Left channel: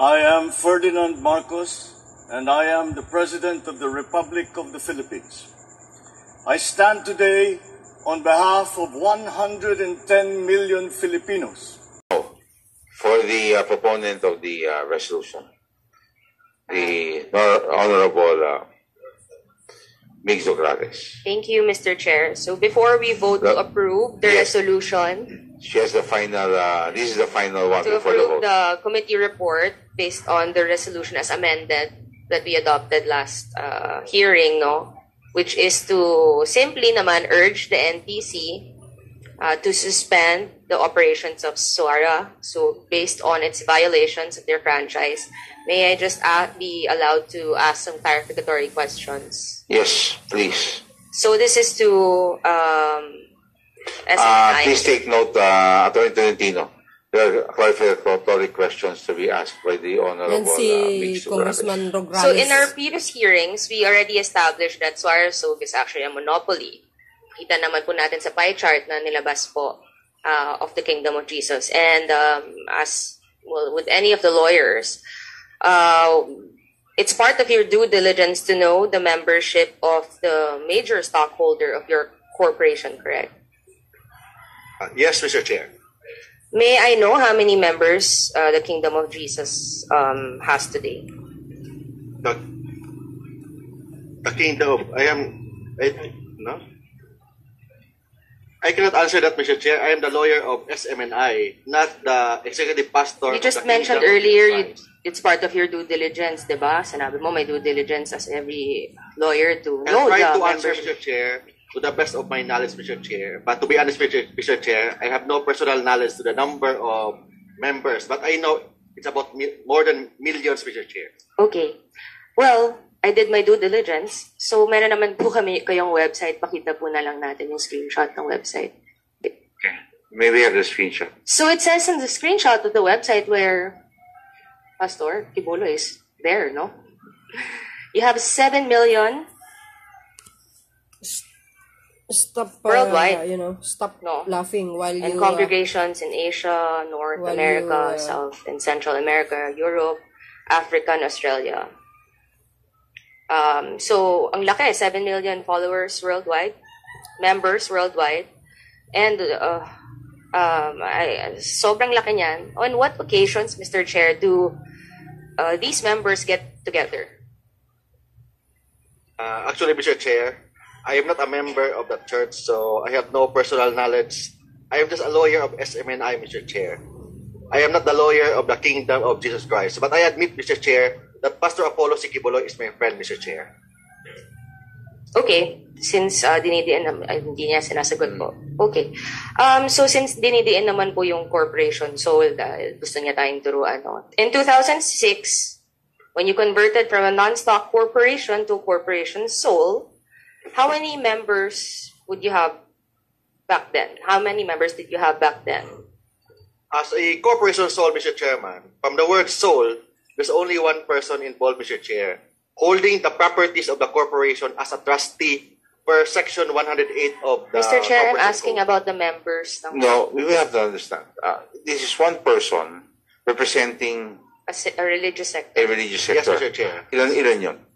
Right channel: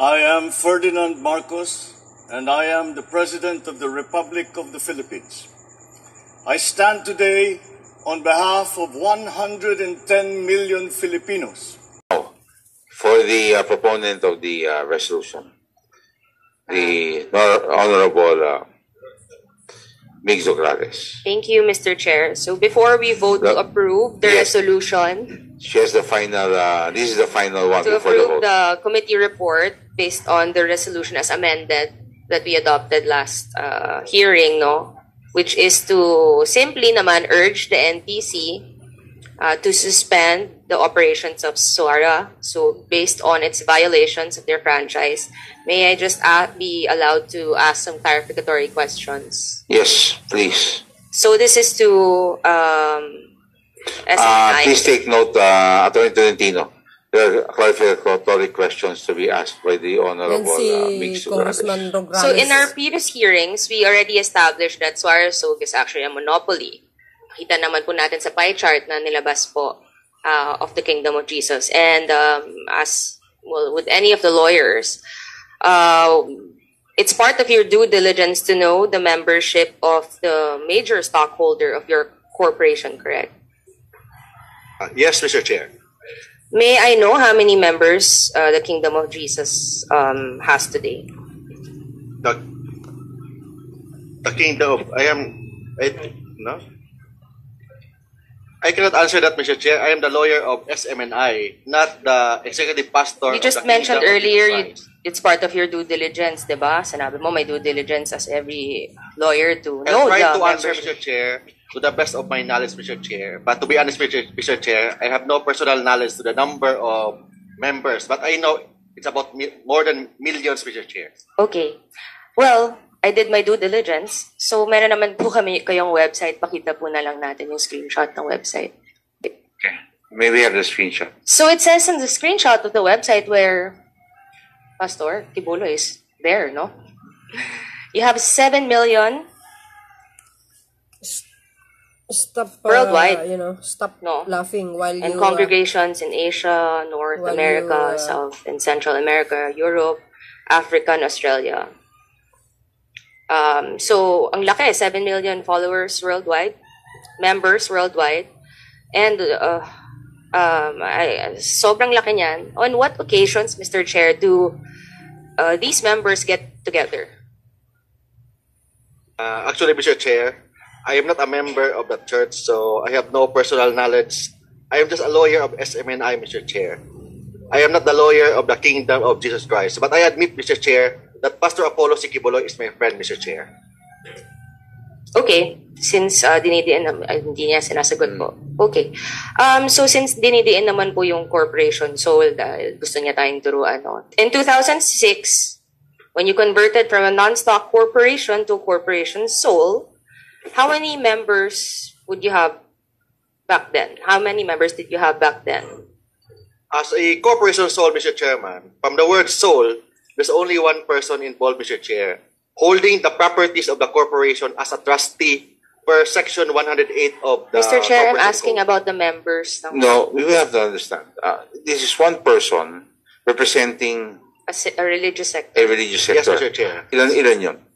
I am Ferdinand Marcos, and I am the President of the Republic of the Philippines. I stand today on behalf of 110 million Filipinos. For the proponent of the resolution, the Honorable Ms. Nograles. Thank you, Mr. Chair. So before we vote to approve the resolution, she has the final, this is the final one to before the approve vote. the committee report based on the resolution as amended that we adopted last hearing, no? Which is to simply naman urge the NTC to suspend the operations of SOARA. So based on its violations of their franchise, may I just be allowed to ask some clarificatory questions? Yes, please. So this is to SNI. Please take note, Attorney Tolentino. There are clarificatory questions to be asked by the Honorable Ms. Congressman Nograles. So in our previous hearings, we already established that SOARA soap is actually a monopoly. Kita naman po natin sa pie chart na nilabas po of the Kingdom of Jesus. And as well, with any of the lawyers, it's part of your due diligence to know the membership of the major stockholder of your corporation, correct? Yes, Mr. Chair. May I know how many members the Kingdom of Jesus has today? The Kingdom of... no? I cannot answer that, Mr. Chair. I am the lawyer of SMNI, not the executive pastor. You just mentioned earlier it's part of your due diligence, diba? Sanabi mo may due diligence as every lawyer to know I try the to answer, membership. Mr. Chair, to the best of my knowledge, Mr. Chair. But to be honest, Mr. Chair, I have no personal knowledge to the number of members. But I know it's about more than millions, Mr. Chair. Okay. Well, I did my due diligence. So, meron naman po kayong website. Pakita po na lang natin yung screenshot ng website. Okay. May we have the screenshot? So, it says in the screenshot of the website where Pastor Tibulo is there, no? You have 7 million Stop, worldwide. Stop laughing while and you... congregations in Asia, North America, South and Central America, Europe, Africa, and Australia. So, ang laki, 7 million followers worldwide, members worldwide, and sobrang laki niyan. On what occasions, Mr. Chair, do these members get together? Actually, Mr. Chair, I am not a member of the church, so I have no personal knowledge. I am just a lawyer of SMNI, Mr. Chair. I am not the lawyer of the Kingdom of Jesus Christ. But I admit, Mr. Chair, that Pastor Apollo Sikibuloy is my friend, Mr. Chair. Okay. Since dinidiin hindi niya sinasagot po. Okay. So since dinidiin naman po yung corporation soul dahil gusto niya tayong turuan. No? In 2006, when you converted from a non-stock corporation to corporation soul, how many members would you have back then? How many members did you have back then? As a corporation soul, Mr. Chairman, from the word soul, there's only one person involved, Mr. Chair, holding the properties of the corporation as a trustee per section 108 of the... Mr. Chair, I'm Corporation asking Code. about the members. No, we have to understand. This is one person representing A religious sector. a religious sector. Yes, Mr. Chair. Ilan yun?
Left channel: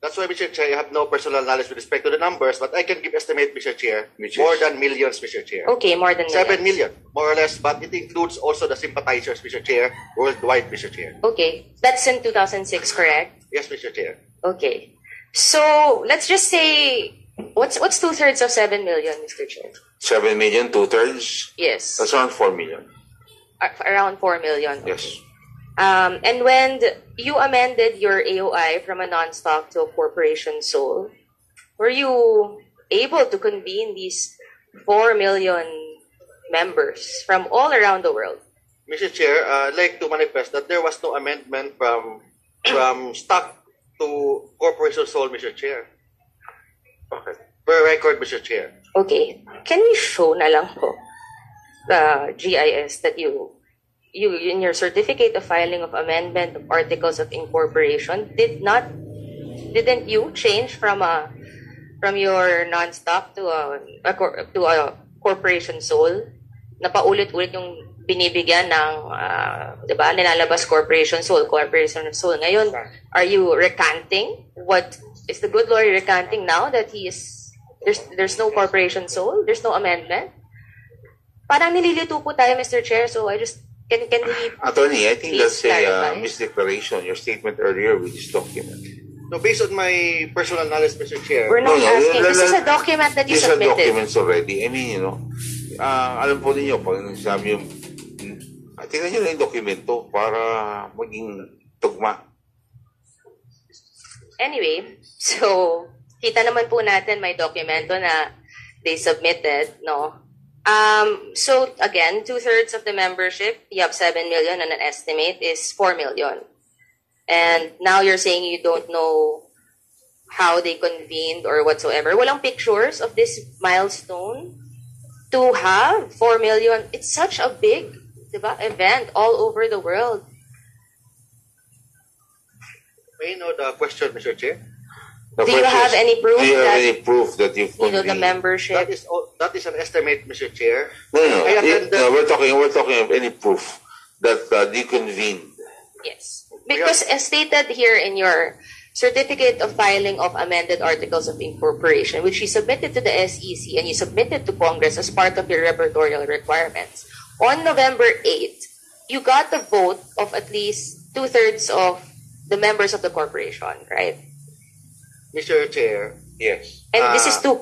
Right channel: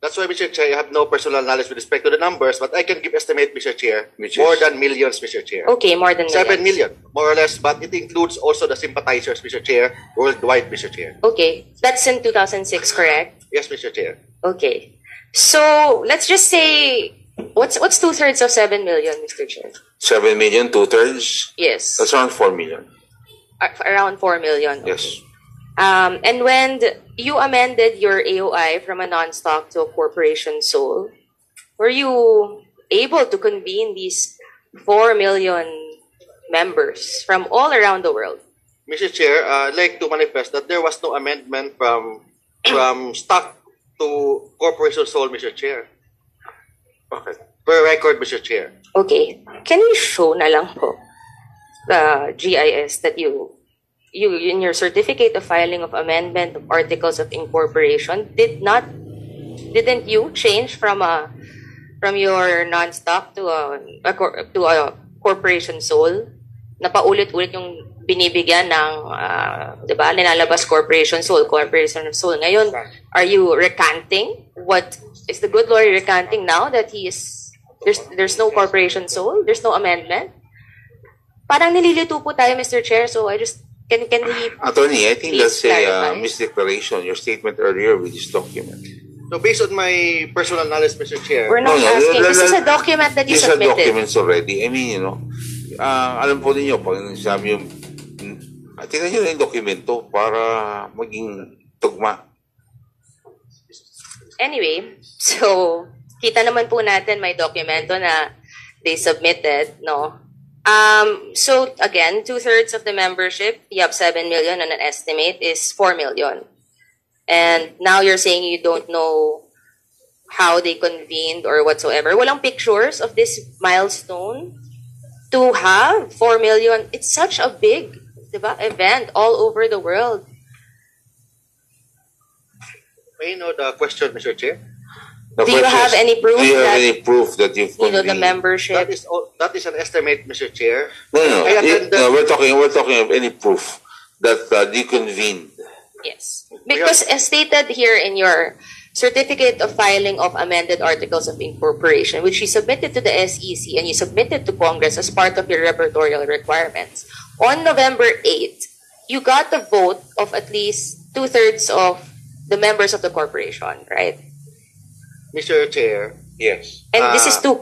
That's why, Mr. Chair, I have no personal knowledge with respect to the numbers, but I can give estimate, Mr. Chair, Which more is? than millions, Mr. Chair. Okay, more than 7 millions. million, more or less, but it includes also the sympathizers, Mr. Chair, worldwide, Mr. Chair. Okay, that's in 2006, correct? Yes, Mr. Chair. Okay. So, let's just say, what's 2/3 of 7 million, Mr. Chair? 7 million, 2/3? Yes. That's around 4 million. Around 4 million. Okay. Yes. And when you amended your AOI from a non-stock to a corporation sole, were you able to convene these 4 million members from all around the world? Mr. Chair, I'd like to manifest that there was no amendment from stock to corporation sole, Mr. Chair. Okay. Per record, Mr. Chair. Okay. Can you show na lang po the GIS that you in your certificate of filing of amendment of articles of incorporation didn't you change from your non-stock to a corporation sole? Napaulit-ulit yung binibigyan ng diba? Linalabas corporation soul, corporation soul. Ngayon, are you recanting? What is the good lawyer recanting now that there's no corporation soul? There's no amendment? Parang nililito po tayo, Mr. Chair, so I just, can we... Attorney, I think that's clarify? a misdeclaration, your statement earlier with this document. So based on my personal knowledge, Mr. Chair, We're not asking. This is a document that you these are submitted. documents already. I mean, alam po ninyo, pag sabi yung, tingnan nyo na yung dokumento para maging tugma. Anyway, so, kita naman po natin may dokumento na they submitted, no? So, again, 2/3 of the membership, you have 7 million and an estimate is 4 million. And now you're saying you don't know how they convened or whatsoever. Walang pictures of this milestone to have 4 million. It's such a big, diba, event all over the world. may I know the question, Mr. Chair? Do you have any proof? Do you have any proof that you've The convened? membership. That is an estimate, Mr. Chair. No. We're talking of any proof that you convened. Yes. Because as stated here in your certificate of filing of amended articles of incorporation, which you submitted to the SEC and you submitted to Congress as part of your repertorial requirements, on November 8th, you got the vote of at least 2/3 of the members of the corporation, right? Mr. Chair, Yes. And this is to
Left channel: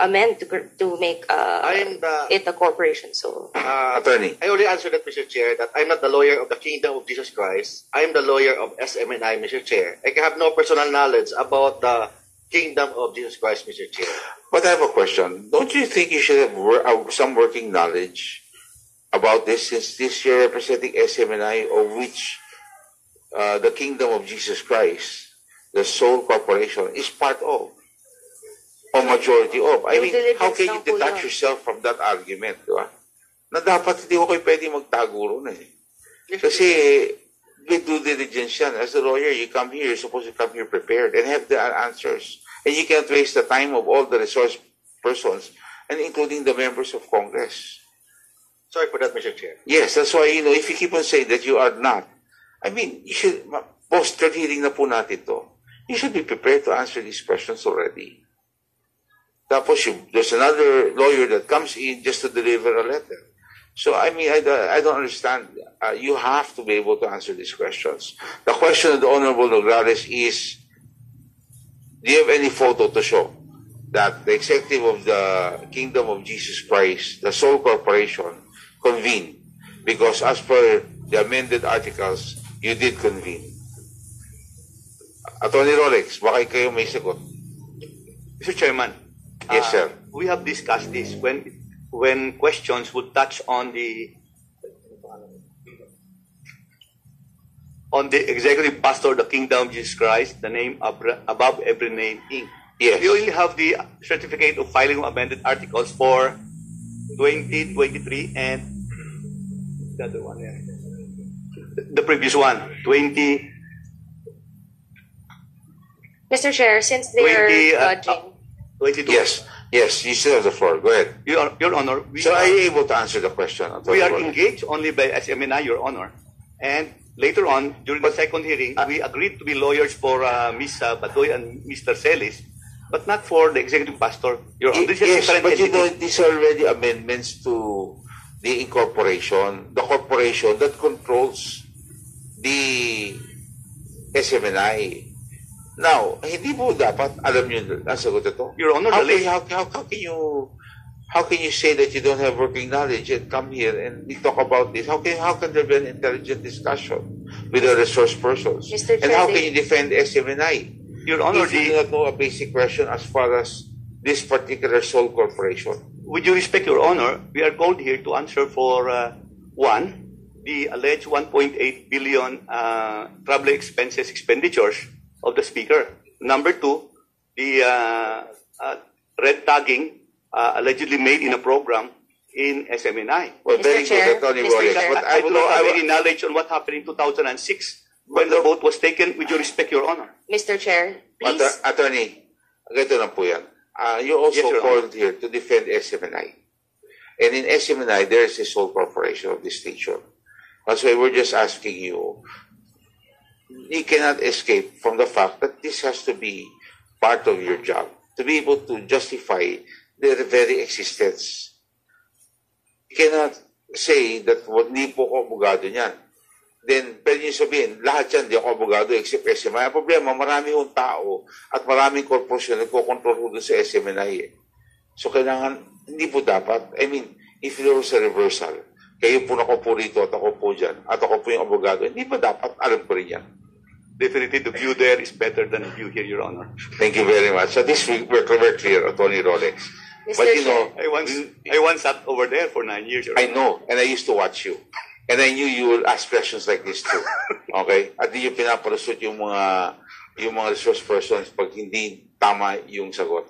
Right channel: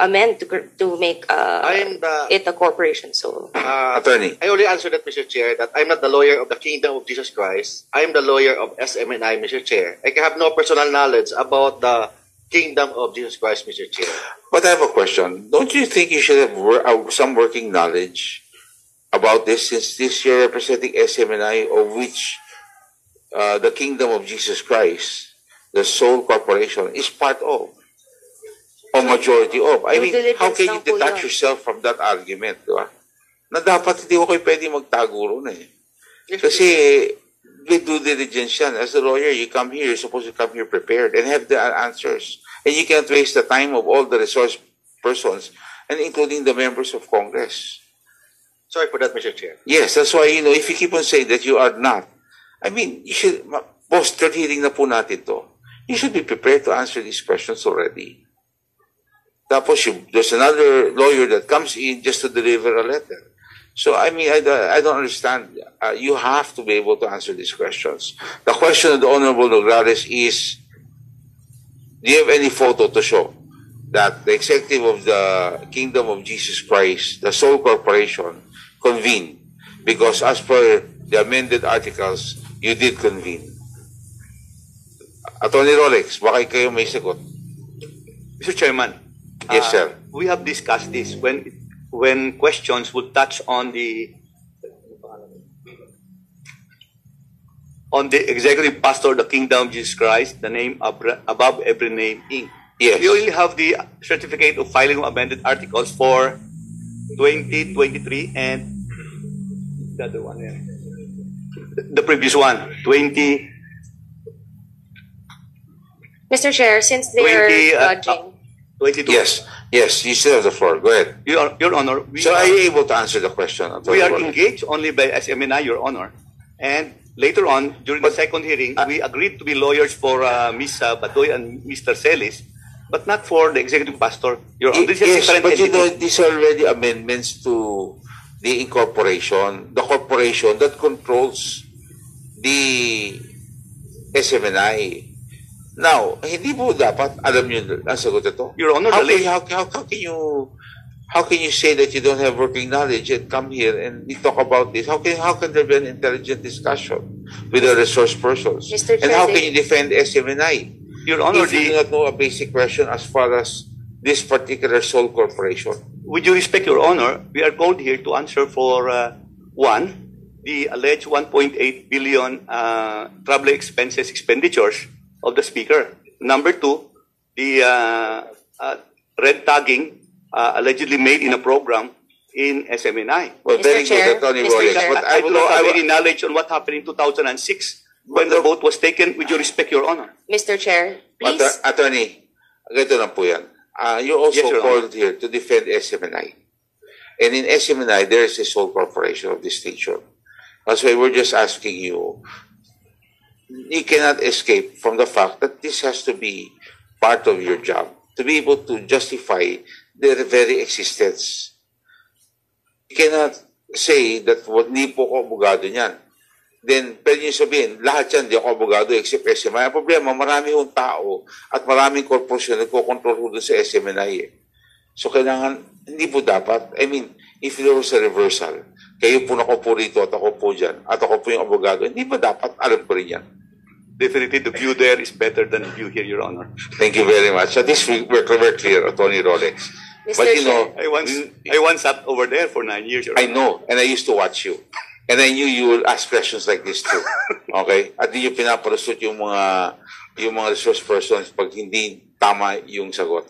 amend to make it a corporation. So Attorney. I already answered that, Mr. Chair, that I'm not the lawyer of the Kingdom of Jesus Christ. I'm the lawyer of SMNI, Mr. Chair. I have no personal knowledge about the Kingdom of Jesus Christ, Mr. Chair. But I have a question. Don't you think you should have some working knowledge about this, since this you're representing SMNI, of which the Kingdom of Jesus Christ, the sole corporation, is part of, or majority of? I mean, how can you detach yourself from that argument, di ba? Na dapat hindi ko kayo pwede magtago ron eh. Kasi with due diligence yan. As a lawyer, you come here, you're supposed to come here prepared and have the answers. And you can't waste the time of all the resource persons, and including the members of Congress. Sorry for that, Mr. Chair. Yes, that's why, if you keep on saying that you are not, I mean, you should, boss, third hearing na po natin to. You should be prepared to answer these questions already. Tapos, there's another lawyer that comes in just to deliver a letter. So, I mean, I don't understand. You have to be able to answer these questions. The question of the Honorable Nograles is, do you have any photo to show that the executive of the Kingdom of Jesus Christ, the sole corporation, convened? Because as per the amended articles, you did convene. Attorney Rolex, baka kayo may sagot. Mr. Chairman, Yes, sir. we have discussed this when questions would touch on the executive pastor of the Kingdom of Jesus Christ, the name above every name, Inc. Yes. We only have the certificate of filing of amended articles for 2023 and the other one, the previous one, 20. Mr. Chair, since they are judging. 22. Yes, you still have the floor. Go ahead. Your Honor, So are you able to answer the question? we are engaged only by SMNI, Your Honor. And later on, during the second hearing, we agreed to be lawyers for Ms. Badoy and Mr. Celis, but not for the executive pastor, Your Honor. This is a Yes, different but entity. these are already amendments to the incorporation, the corporation that controls the SMNI. Now, hindi po dapat alam niyo ang sagot ito. Your Honor, how can you say that you don't have working knowledge and come here and we talk about this? How can there be an intelligent discussion with the resource persons? Mr. And how Chair, can you defend SMNI? Your Honor, if you do not know a basic question as far as this particular sole corporation. with due respect, Your Honor, we are called here to answer for one, the alleged 1.8 billion travel expenditures of the Speaker. Number two, the red tagging allegedly made in a program in SMNI. Well, Mr. very Chair, good, Attorney Mr. Rolex. Chair. But I do not have any knowledge on what happened in 2006 when the vote was taken. With due respect, Your Honor. Mr. Chair, please. Attorney, ganito lang po yan. You also Yes, Your Honor. called here to defend SMNI. And in SMNI, there is a sole corporation of distinction. That's why we're just asking you, you cannot escape from the fact that this has to be part of your job to be able to justify their very existence. You cannot say that hindi po ako abogado niyan. Then, pwede nyo sabihin, lahat yan, di ako abogado except SMNI. Ang problema, marami yung tao at maraming korporasyon na nagkocontrol doon sa SMNI. So, kailangan, hindi po dapat. I mean, if there was a reversal, kayo po nakaupo rito at ako po dyan, at ako po yung abogado, hindi ba dapat alam ko rin yan? Definitely, the view there is better than the view here, Your Honor. Thank you very much. At least we're clear, Attorney Rolex. Mr. But you know, I once sat over there for 9 years, Your I Honor. know, and I used to watch you. And I knew you will ask questions like this too. Okay? At di yung pinaparasot yung mga resource persons pag hindi tama yung sagot.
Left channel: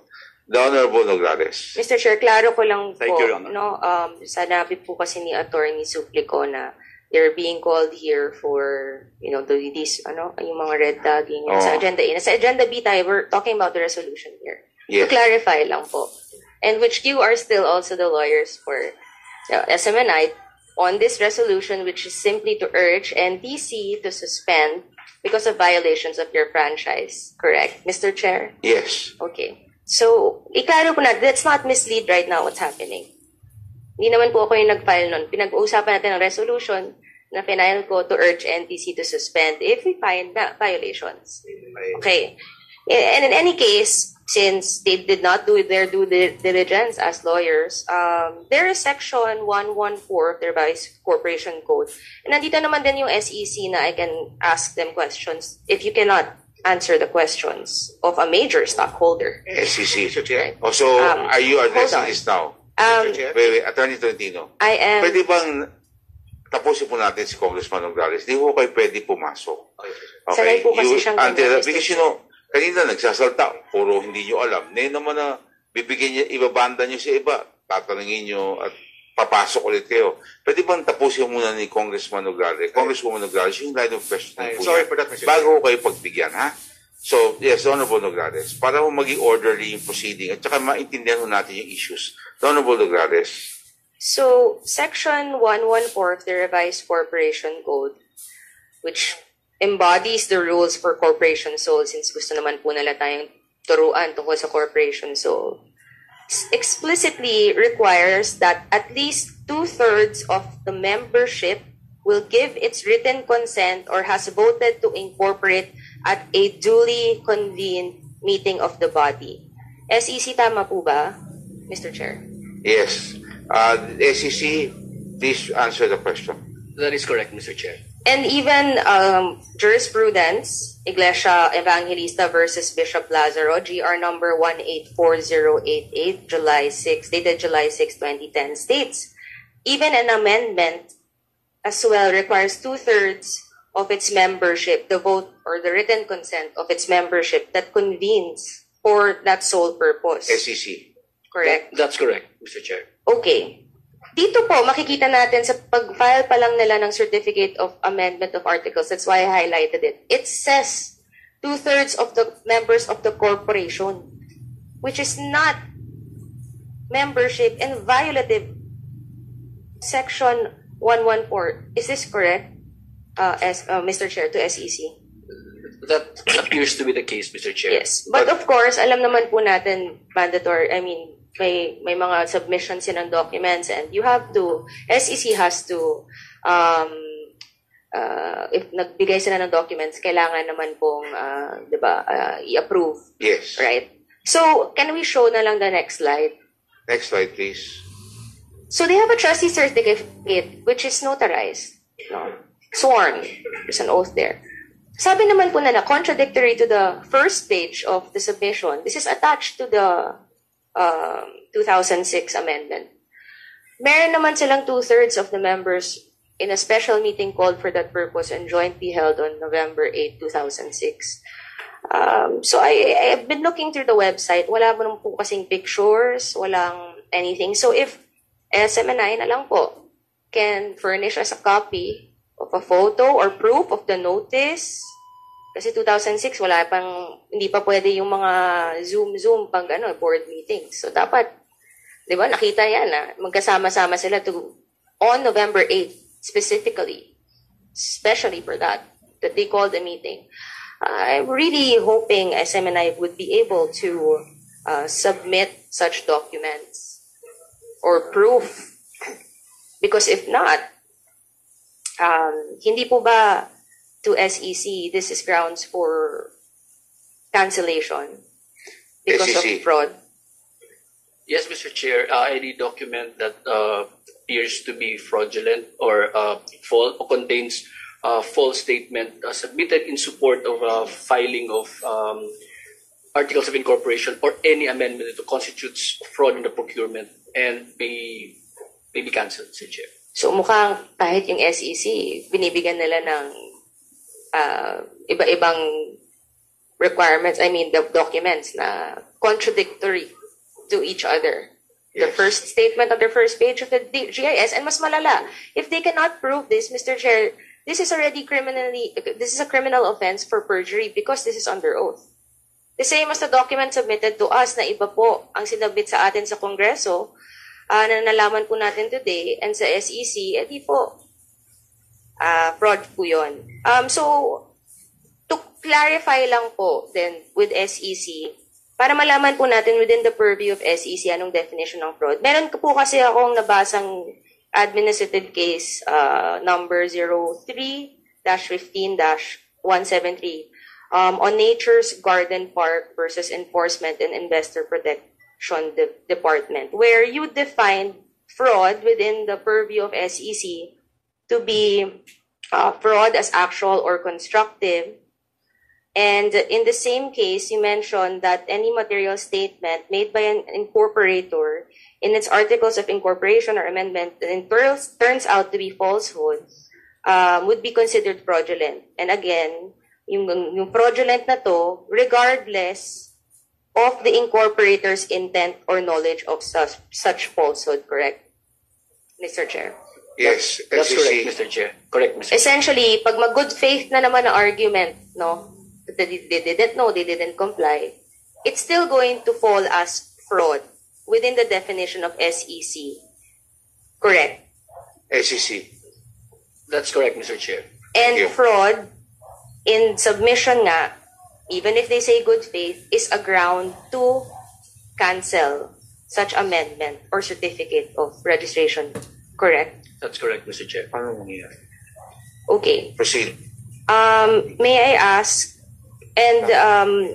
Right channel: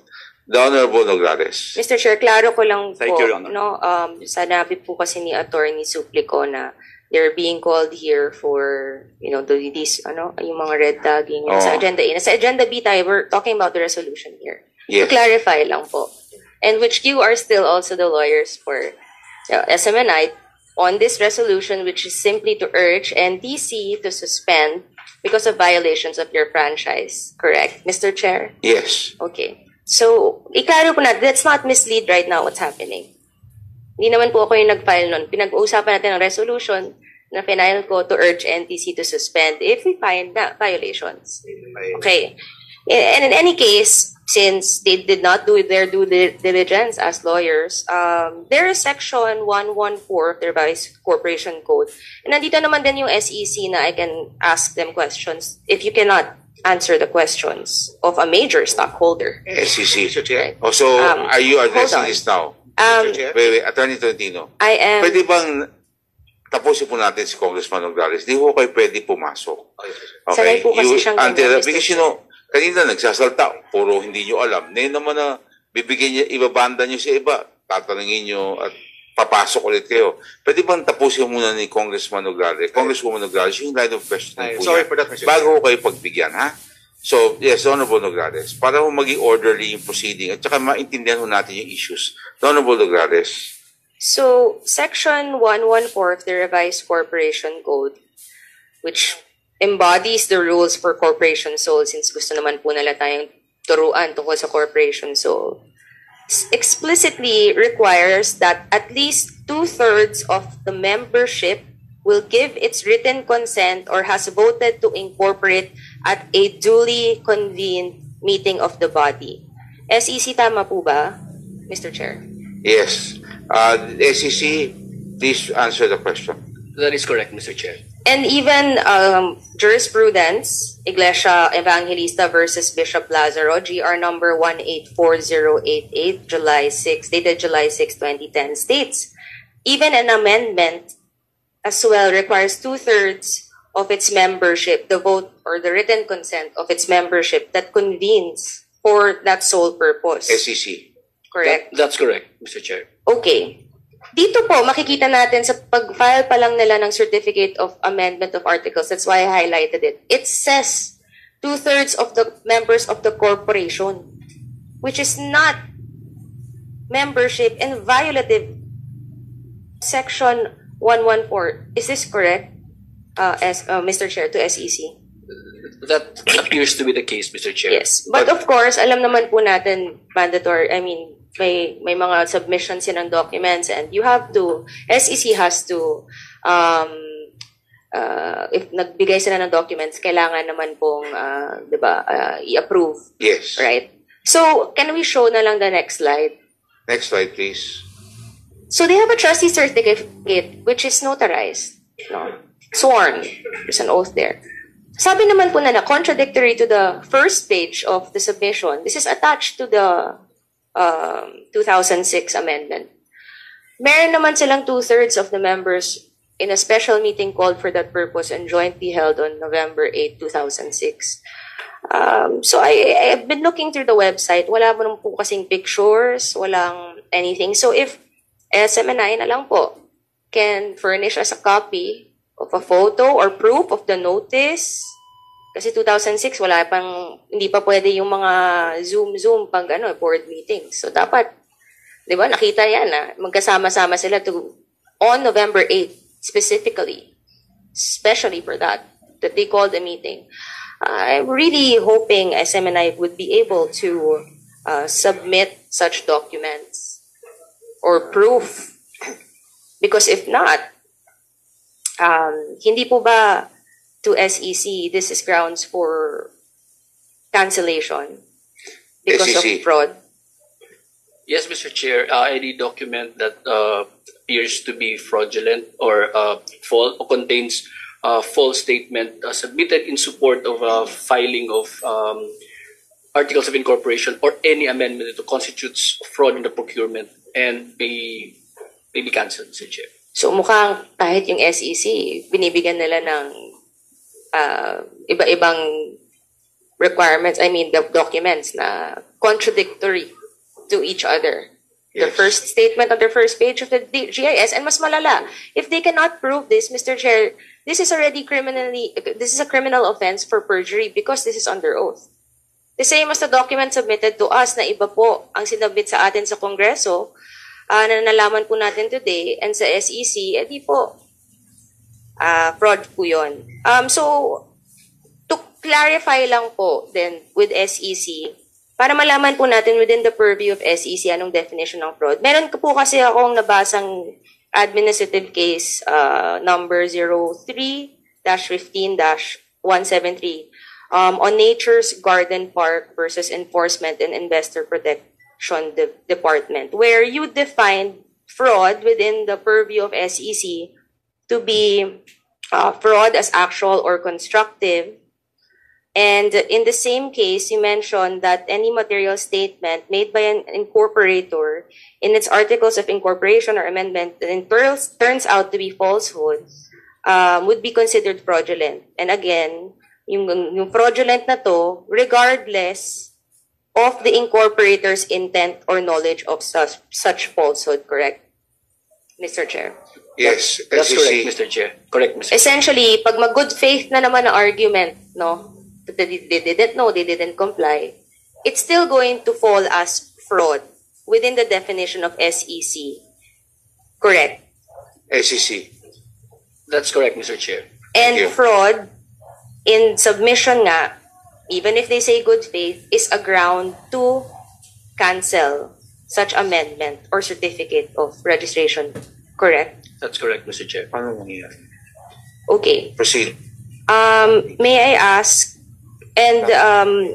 The Honorable Nograles. Mr. Chair, klaro ko lang Thank po, you, Your Honor. no, sanabi po kasi ni Attorney Suplico na they're being called here for, these, yung mga red tagging. Sa agenda A. Sa agenda B tayo, we're talking about the resolution here. Yes. To clarify lang po. And which you are still also the lawyers for SMNI on this resolution, which is simply to urge NTC to suspend because of violations of your franchise. Correct, Mr. Chair? Yes. Okay. So, iklaro po na, let's not mislead right now what's happening. Hindi naman po ako yung nag-file nun. Pinag-uusapan natin ang resolution na final ko to urge NTC to suspend if we find that violations. Okay. And in any case, since they did not do their due diligence as lawyers, there is Section 114 of their Vice Corporation Code. And nandito naman din yung SEC na I can ask them questions if you cannot answer the questions of a major stockholder. SEC. Chair. Also, are you addressing hold on. this now? Chair. Wait, Attorney Tolentino. I am... Pwede bang tapusin po natin si Congressman Nograles? Di po kayo pwede pumasok. Sanay po kasi siyang ganyan, Mr. Because kanina nagsasalta, puro hindi nyo alam. Ngayon naman na bibigyan niya, ibabanda nyo sa iba, tatanungin nyo at papasok ulit kayo. Pwede bang tapusin muna ni Congressman Nograles, Congresswoman Nograles, yung line of questioning po Sorry niya, for that, Mr. bago kayo pagbigyan, ha? So, yes, Honorable Nograles, para ho maging orderly yung proceeding at saka maintindihan ho natin yung issues. Honorable Nograles. So, Section 114 of the Revised Corporation Code, which embodies the rules for corporation soul, since gusto naman po nila tayong turuan tungkol sa corporation soul, explicitly requires that at least 2/3 of the membership will give its written consent or has voted to incorporate at a duly convened meeting of the body. SEC, tama po ba, Mr. Chair? Yes. SEC, please answer the question. That is correct, Mr. Chair. And even jurisprudence, Iglesia Evangelista versus Bishop Lazaro, GR number 184088, July 6, dated July 6, 2010, states, even an amendment as well requires 2/3 of its membership, the vote or the written consent of its membership that convenes for that sole purpose. SEC. Correct? That's correct, Mr. Chair. Okay. Dito po, makikita natin sa pag-file pa lang nila ng Certificate of Amendment of Articles, that's why I highlighted it. It says 2/3 of the members of the corporation, which is not membership and violative Section 114. Is this correct, Mr. Chair, to SEC? That appears to be the case, Mr. Chair. Yes. But of course, alam naman po natin, mandatory, may mga submissions ng documents and you have to, SEC has to, if nagbigay sila ng documents, kailangan naman pong, i-approve. Yes. Right? So, can we show na lang the next slide? Next slide, please. So, they have a trustee certificate which is notarized. No? Sworn. There's an oath there. Sabi naman po na contradictory to the first page of the submission, this is attached to the 2006 amendment. Meron naman silang 2/3 of the members in a special meeting called for that purpose and jointly held on November 8, 2006. So I've been looking through the website. Wala mo naman po kasing pictures, walang anything. So if SMNI na lang po can furnish us a copy of a photo or proof of the notice. Kasi 2006, hindi pa pwede yung mga Zoom pag board meetings. So dapat Di ba? Nakita yan, magkasama-sama sila on November 8th, specifically, especially for that they called a meeting. I'm really hoping SMNI would be able to submit such documents or proof. Because if not, hindi po ba to SEC, this is grounds for cancellation because SEC. of fraud? Yes, Mr. Chair. Any document that appears to be fraudulent or false or contains false statement submitted in support of filing of articles of incorporation or any amendment that constitutes fraud in the procurement and may be cancelled, Mr. Chair. So mukhang kahit yung SEC, binibigyan nila ng iba-ibang requirements, the documents na contradictory to each other. Yes. The first statement on the first page of the GIS, and mas malala, if they cannot prove this, Mr. Chair, this is a criminal offense for perjury because this is under oath. The same as the document submitted to us na iba po ang sinabit sa atin sa Kongreso na nalaman po natin today and sa SEC, di po fraud po yun. So, to clarify lang po then with SEC, para malaman po natin within the purview of SEC anong definition ng fraud. Meron po kasi akong nabasang administrative case number 03-15-173 on Nature's Garden Park versus Enforcement and Investor Protection Department, where you defined fraud within the purview of SEC to be fraud as actual or constructive. And in the same case, you mentioned that any material statement made by an incorporator in its articles of incorporation or amendment that turns out to be falsehood would be considered fraudulent. And again, yung fraudulent na to, regardless of the incorporator's intent or knowledge of such falsehood, correct, Mr. Chair? Yes, that's correct, Mr. Chair. Correct, Mr. Chair. Essentially, pag mag-good faith na naman ang argument, no? They didn't know, they didn't comply, it's still going to fall as fraud within the definition of SEC. Correct? SEC. That's correct, Mr. Chair. And fraud in submission nga, even if they say good faith, is a ground to cancel such amendment or certificate of registration. Correct? That's correct, Mr. Chair. Okay. Proceed. May I ask, and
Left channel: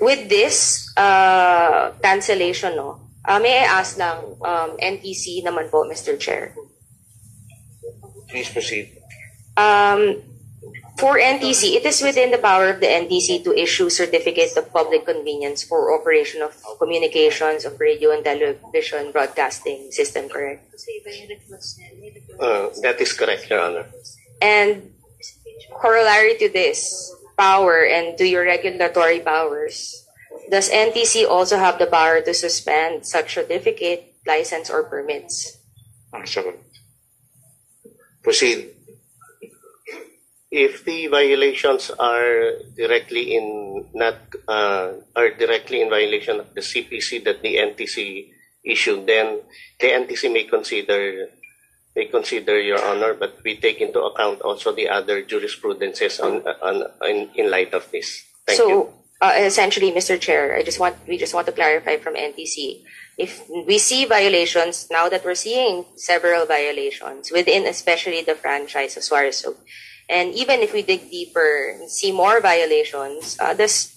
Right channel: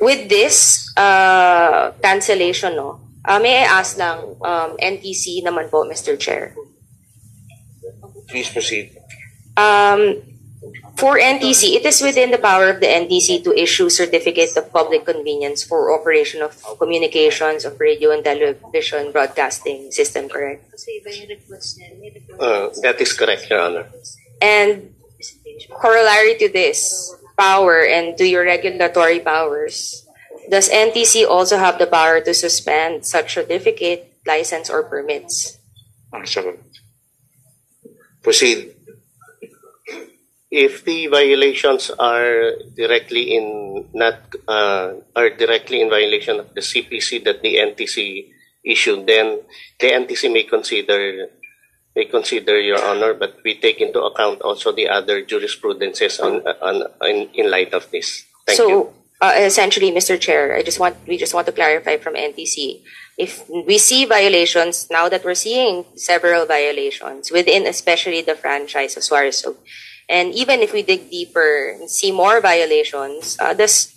with this cancellation, may I ask lang NTC naman po, Mr. Chair. Please proceed. For NTC, it is within the power of the NTC to issue certificates of public convenience for operation of communications of radio and television broadcasting system, correct? That is correct, Your Honor. And corollary to this power and to your regulatory powers, does NTC also have the power to suspend such certificate, license, or permits? Proceed. If the violations are directly in violation of the CPC that the NTC issued, then the NTC may consider, Your Honor, but we take into account also the other jurisprudences in light of this. Thank you. Essentially, Mr. Chair, we just want to clarify from NTC. If we see violations, now that we're seeing several violations within especially the franchise of Suarez, and even if we dig deeper and see more violations, does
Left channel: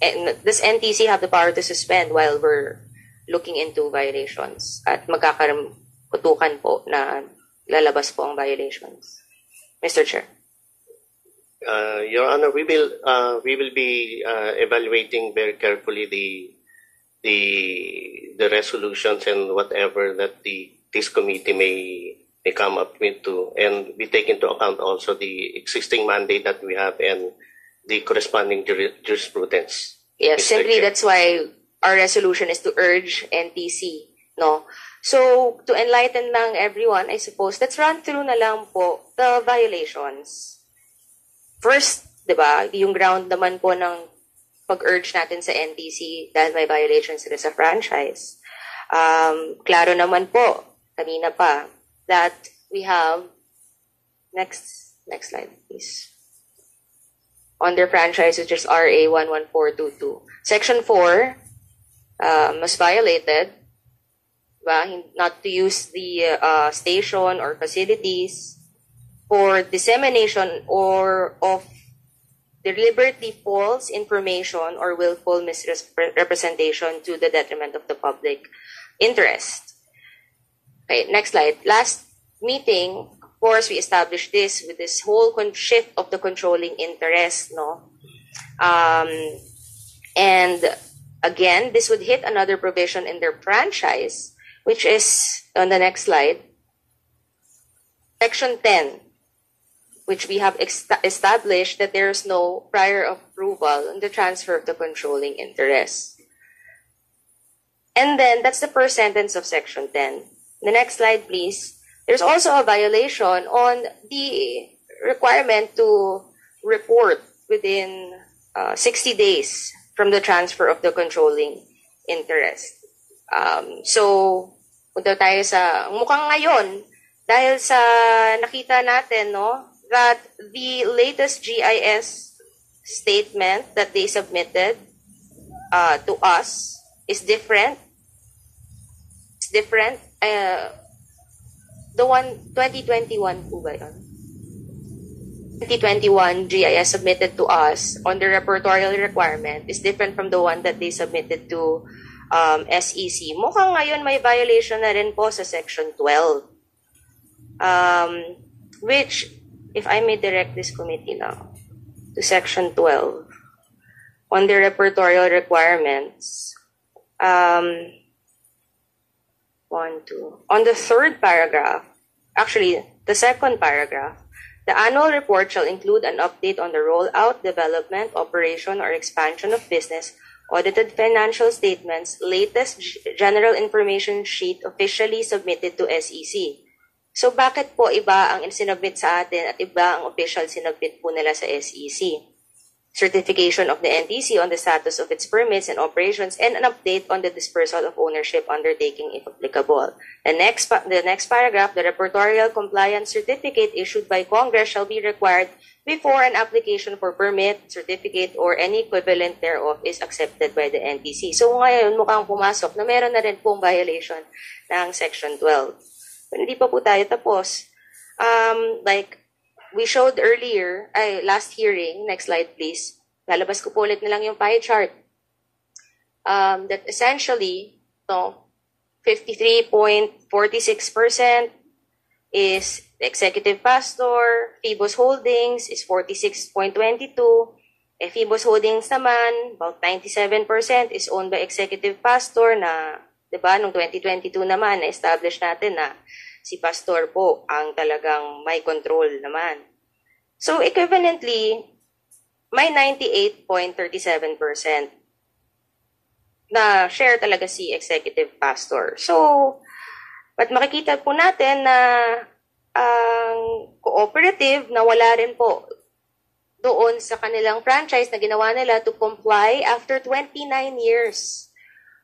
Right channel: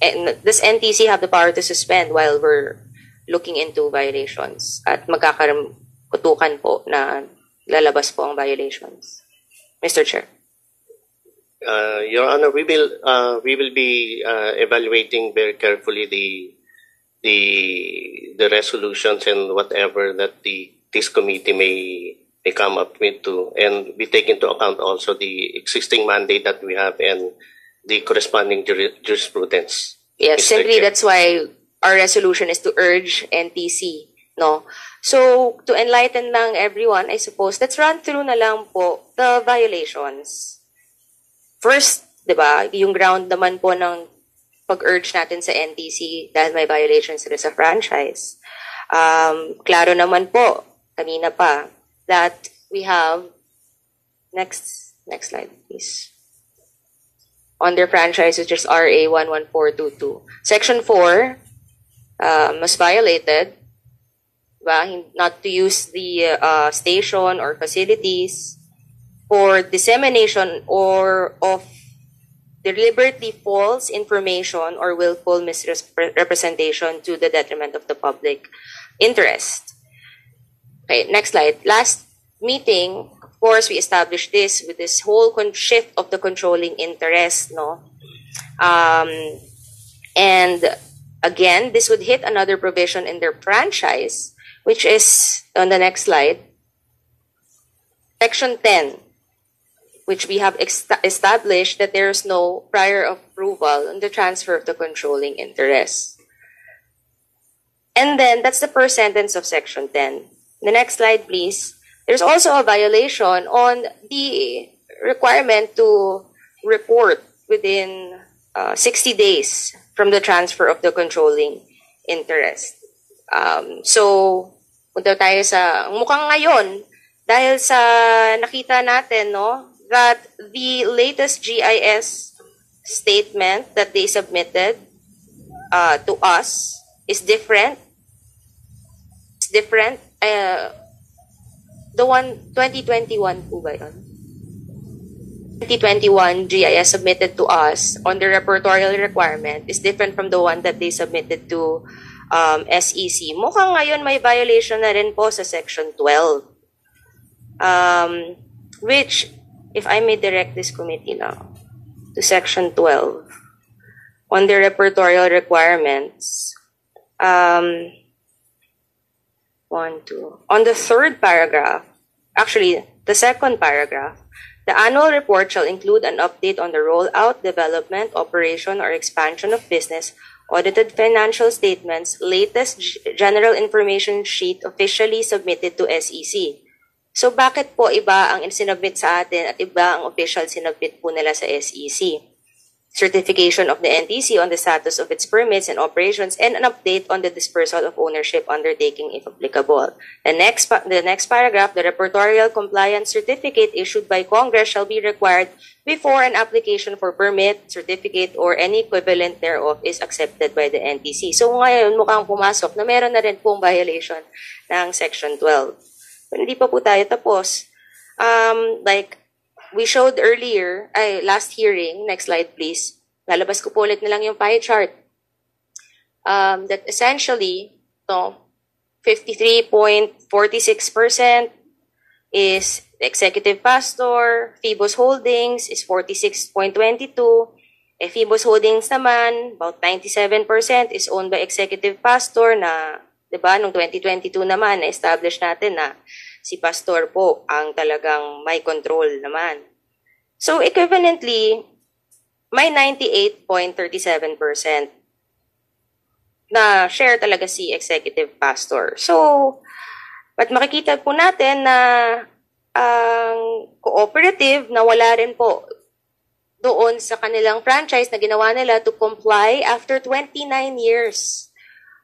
NTC have the power to suspend while we're looking into violations at magkakaroon po na lalabas po ang violations? Mr. Chair. Your Honor, we will be evaluating very carefully the resolutions and whatever that this committee may come up with too, and we take into account also the existing mandate that we have and the corresponding jurisprudence. Yes, simply that's why our resolution is to urge NTC, no? So, to enlighten lang everyone, I suppose, let's run through na lang po the violations. First, di ba, yung ground naman po ng pag-urge natin sa NTC dahil may violations sila sa franchise. Klaro naman po, kanina pa, that we have, next slide please, under franchise, which is RA 11422. Section 4 was violated, not to use the station or facilities for dissemination or of deliberately false information or willful misrepresentation to the detriment of the public interest. Okay, next slide. Last meeting, of course, we established this with this whole shift of the controlling interest, no? And again, this would hit another provision in their franchise, which is on the next slide, Section 10, which we have established that there is no prior approval on the transfer of the controlling interest. And then that's the first sentence of Section 10. The next slide, please. There's also a violation on the requirement to report within 60 days from the transfer of the controlling interest. So, punta tayo sa mukhang ngayon, dahil sa nakita natin, no, that the latest GIS statement that they submitted to us is different. It's different. The one 2021 po ba yun? 2021 GIS submitted to us on the repertorial requirement is different from the one that they submitted to SEC. Mukhang ngayon may violation na rin po sa Section 12. Which, if I may direct this committee now to Section 12 on the repertorial requirements, on the third paragraph, actually the second paragraph, the annual report shall include an update on the rollout, development, operation, or expansion of business, audited financial statements, latest general information sheet officially submitted to SEC. So bakit po iba ang sinubmit sa atin at iba ang official sinubmit po nila sa SEC? Certification of the NTC on the status of its permits and operations, and an update on the dispersal of ownership undertaking if applicable. The next paragraph, the repertorial compliance certificate issued by Congress shall be required before an application for permit, certificate, or any equivalent thereof is accepted by the NTC. So ngayon mukhang pumasok na meron na rin pong violation ng Section 12. Pero hindi pa po tayo tapos. Like we showed earlier, last hearing, next slide please, lalabas ko po ulit na lang yung pie chart, that essentially, 53.46% is executive pastor, Phoebus Holdings is 46.22%, Phoebus Holdings naman, about 97% is owned by executive pastor na, diba, noong 2022 naman, na-establish natin na si pastor po ang talagang may control naman. So, equivalently, may 98.37% na share talaga si executive pastor. So, but makikita po natin na ang cooperative na wala rin po doon sa kanilang franchise na ginawa nila to comply after 29 years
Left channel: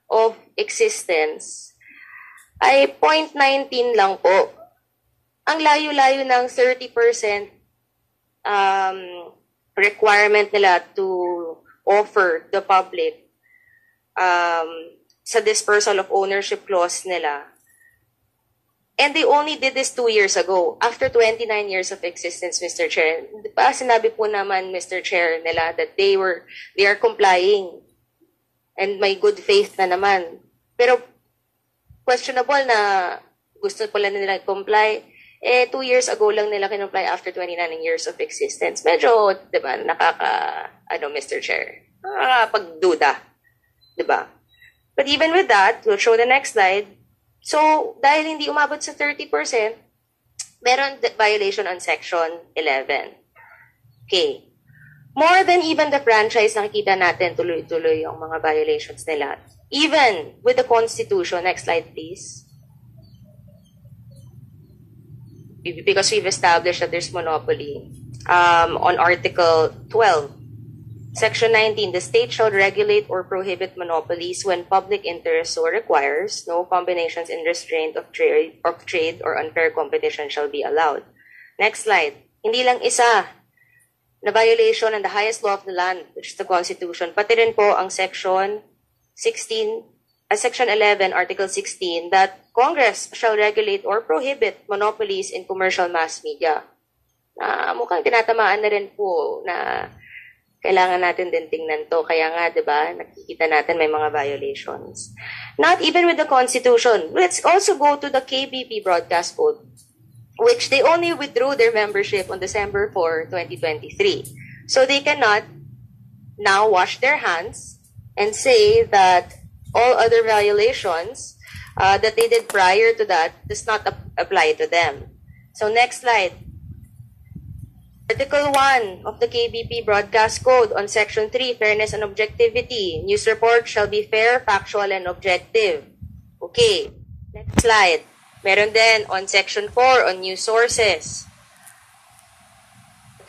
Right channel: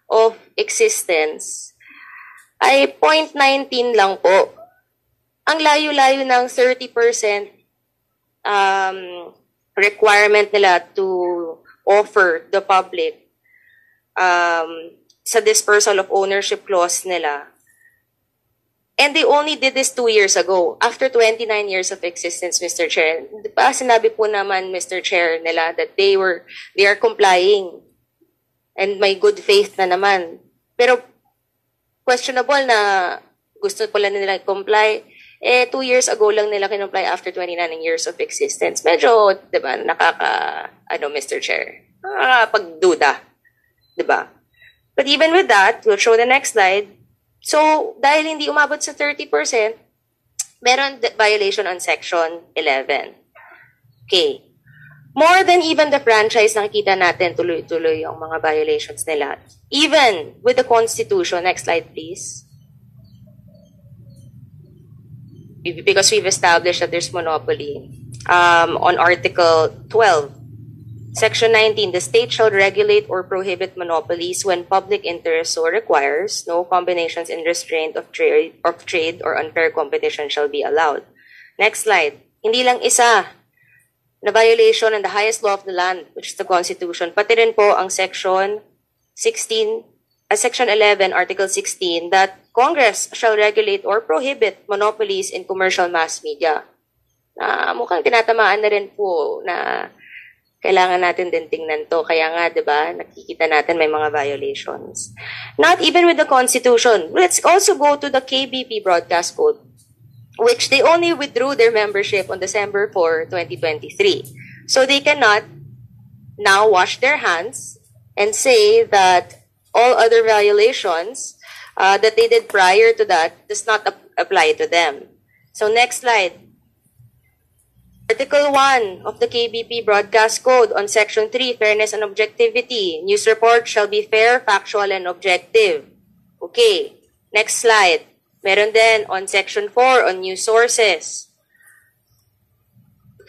of existence ay 0.19 lang po. Ang layo-layo ng 30% requirement nila to offer the public sa dispersal of ownership clause nila. And they only did this 2 years ago, after 29 years of existence, Mr. Chair. Diba, sinabi po naman, Mr. Chair, nila that they are complying and may good faith na naman. Pero questionable na gusto pala nila comply. 2 years ago lang nila kinumply after 29 years of existence. Medyo, diba, Mr. Chair, pagduda. Diba? But even with that, we'll show the next slide. So, dahil hindi umabot sa 30%, meron violation on Section 11. Okay. More than even the franchise, nakikita natin tuloy-tuloy yung mga violations nila. Even with the Constitution, next slide please. Because we've established that there's monopoly on Article 12. Section 19, the state shall regulate or prohibit monopolies when public interest so requires. No combinations in restraint of trade or unfair competition shall be allowed. Next slide. Hindi lang isa na violation ng the highest law of the land, which is the Constitution, pati rin po ang Section 16, Section 11, Article 16, that Congress shall regulate or prohibit monopolies in commercial mass media. Mukhang tinatamaan na rin po na kailangan natin din tingnan to. Kaya nga, di ba, nakikita natin may mga violations. Not even with the Constitution. Let's also go to the KBP Broadcast Code, which they only withdrew their membership on December 4, 2023. So they cannot now wash their hands and say that all other violations that they did prior to that does not apply to them. So next slide. Article 1 of the KBP Broadcast Code on Section 3, Fairness and Objectivity. News reports shall be fair, factual, and objective. Okay, next slide. Meron din on Section 4 on news sources.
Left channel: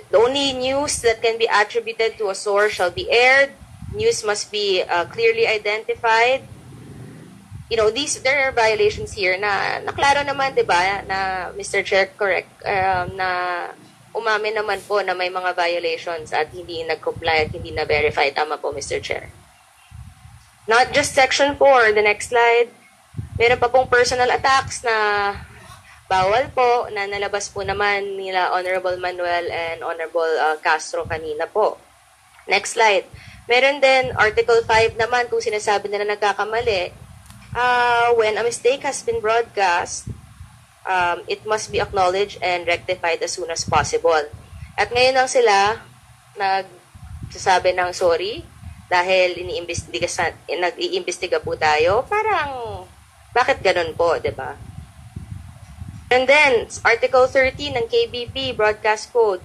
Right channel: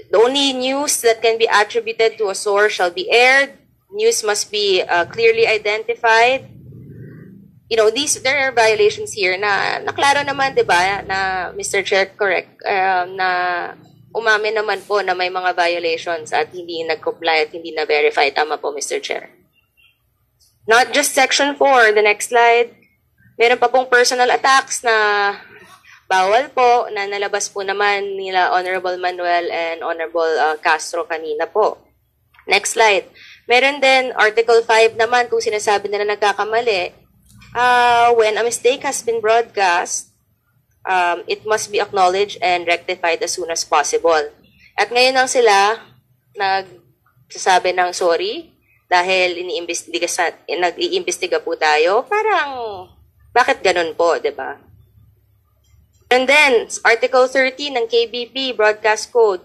The only news that can be attributed to a source shall be aired. News must be clearly identified. You know, there are violations here na naklaro naman, di ba, na Mr. Chair, correct, na umamin naman po na may mga violations at hindi nag-comply at hindi na-verify. Tama po, Mr. Chair. Not just Section 4. The next slide. Meron pa pong personal attacks na bawal po, na nalabas po naman nila Honorable Manuel and Honorable Castro kanina po. Next slide. Meron din Article 5 naman kung sinasabi nila nagkakamali. When a mistake has been broadcast, it must be acknowledged and rectified as soon as possible. At ngayon lang sila nagsasabi ng sorry dahil nag-iimbestiga po tayo. Parang, bakit ganun po, di ba? And then, Article 13 ng KBP Broadcast Code.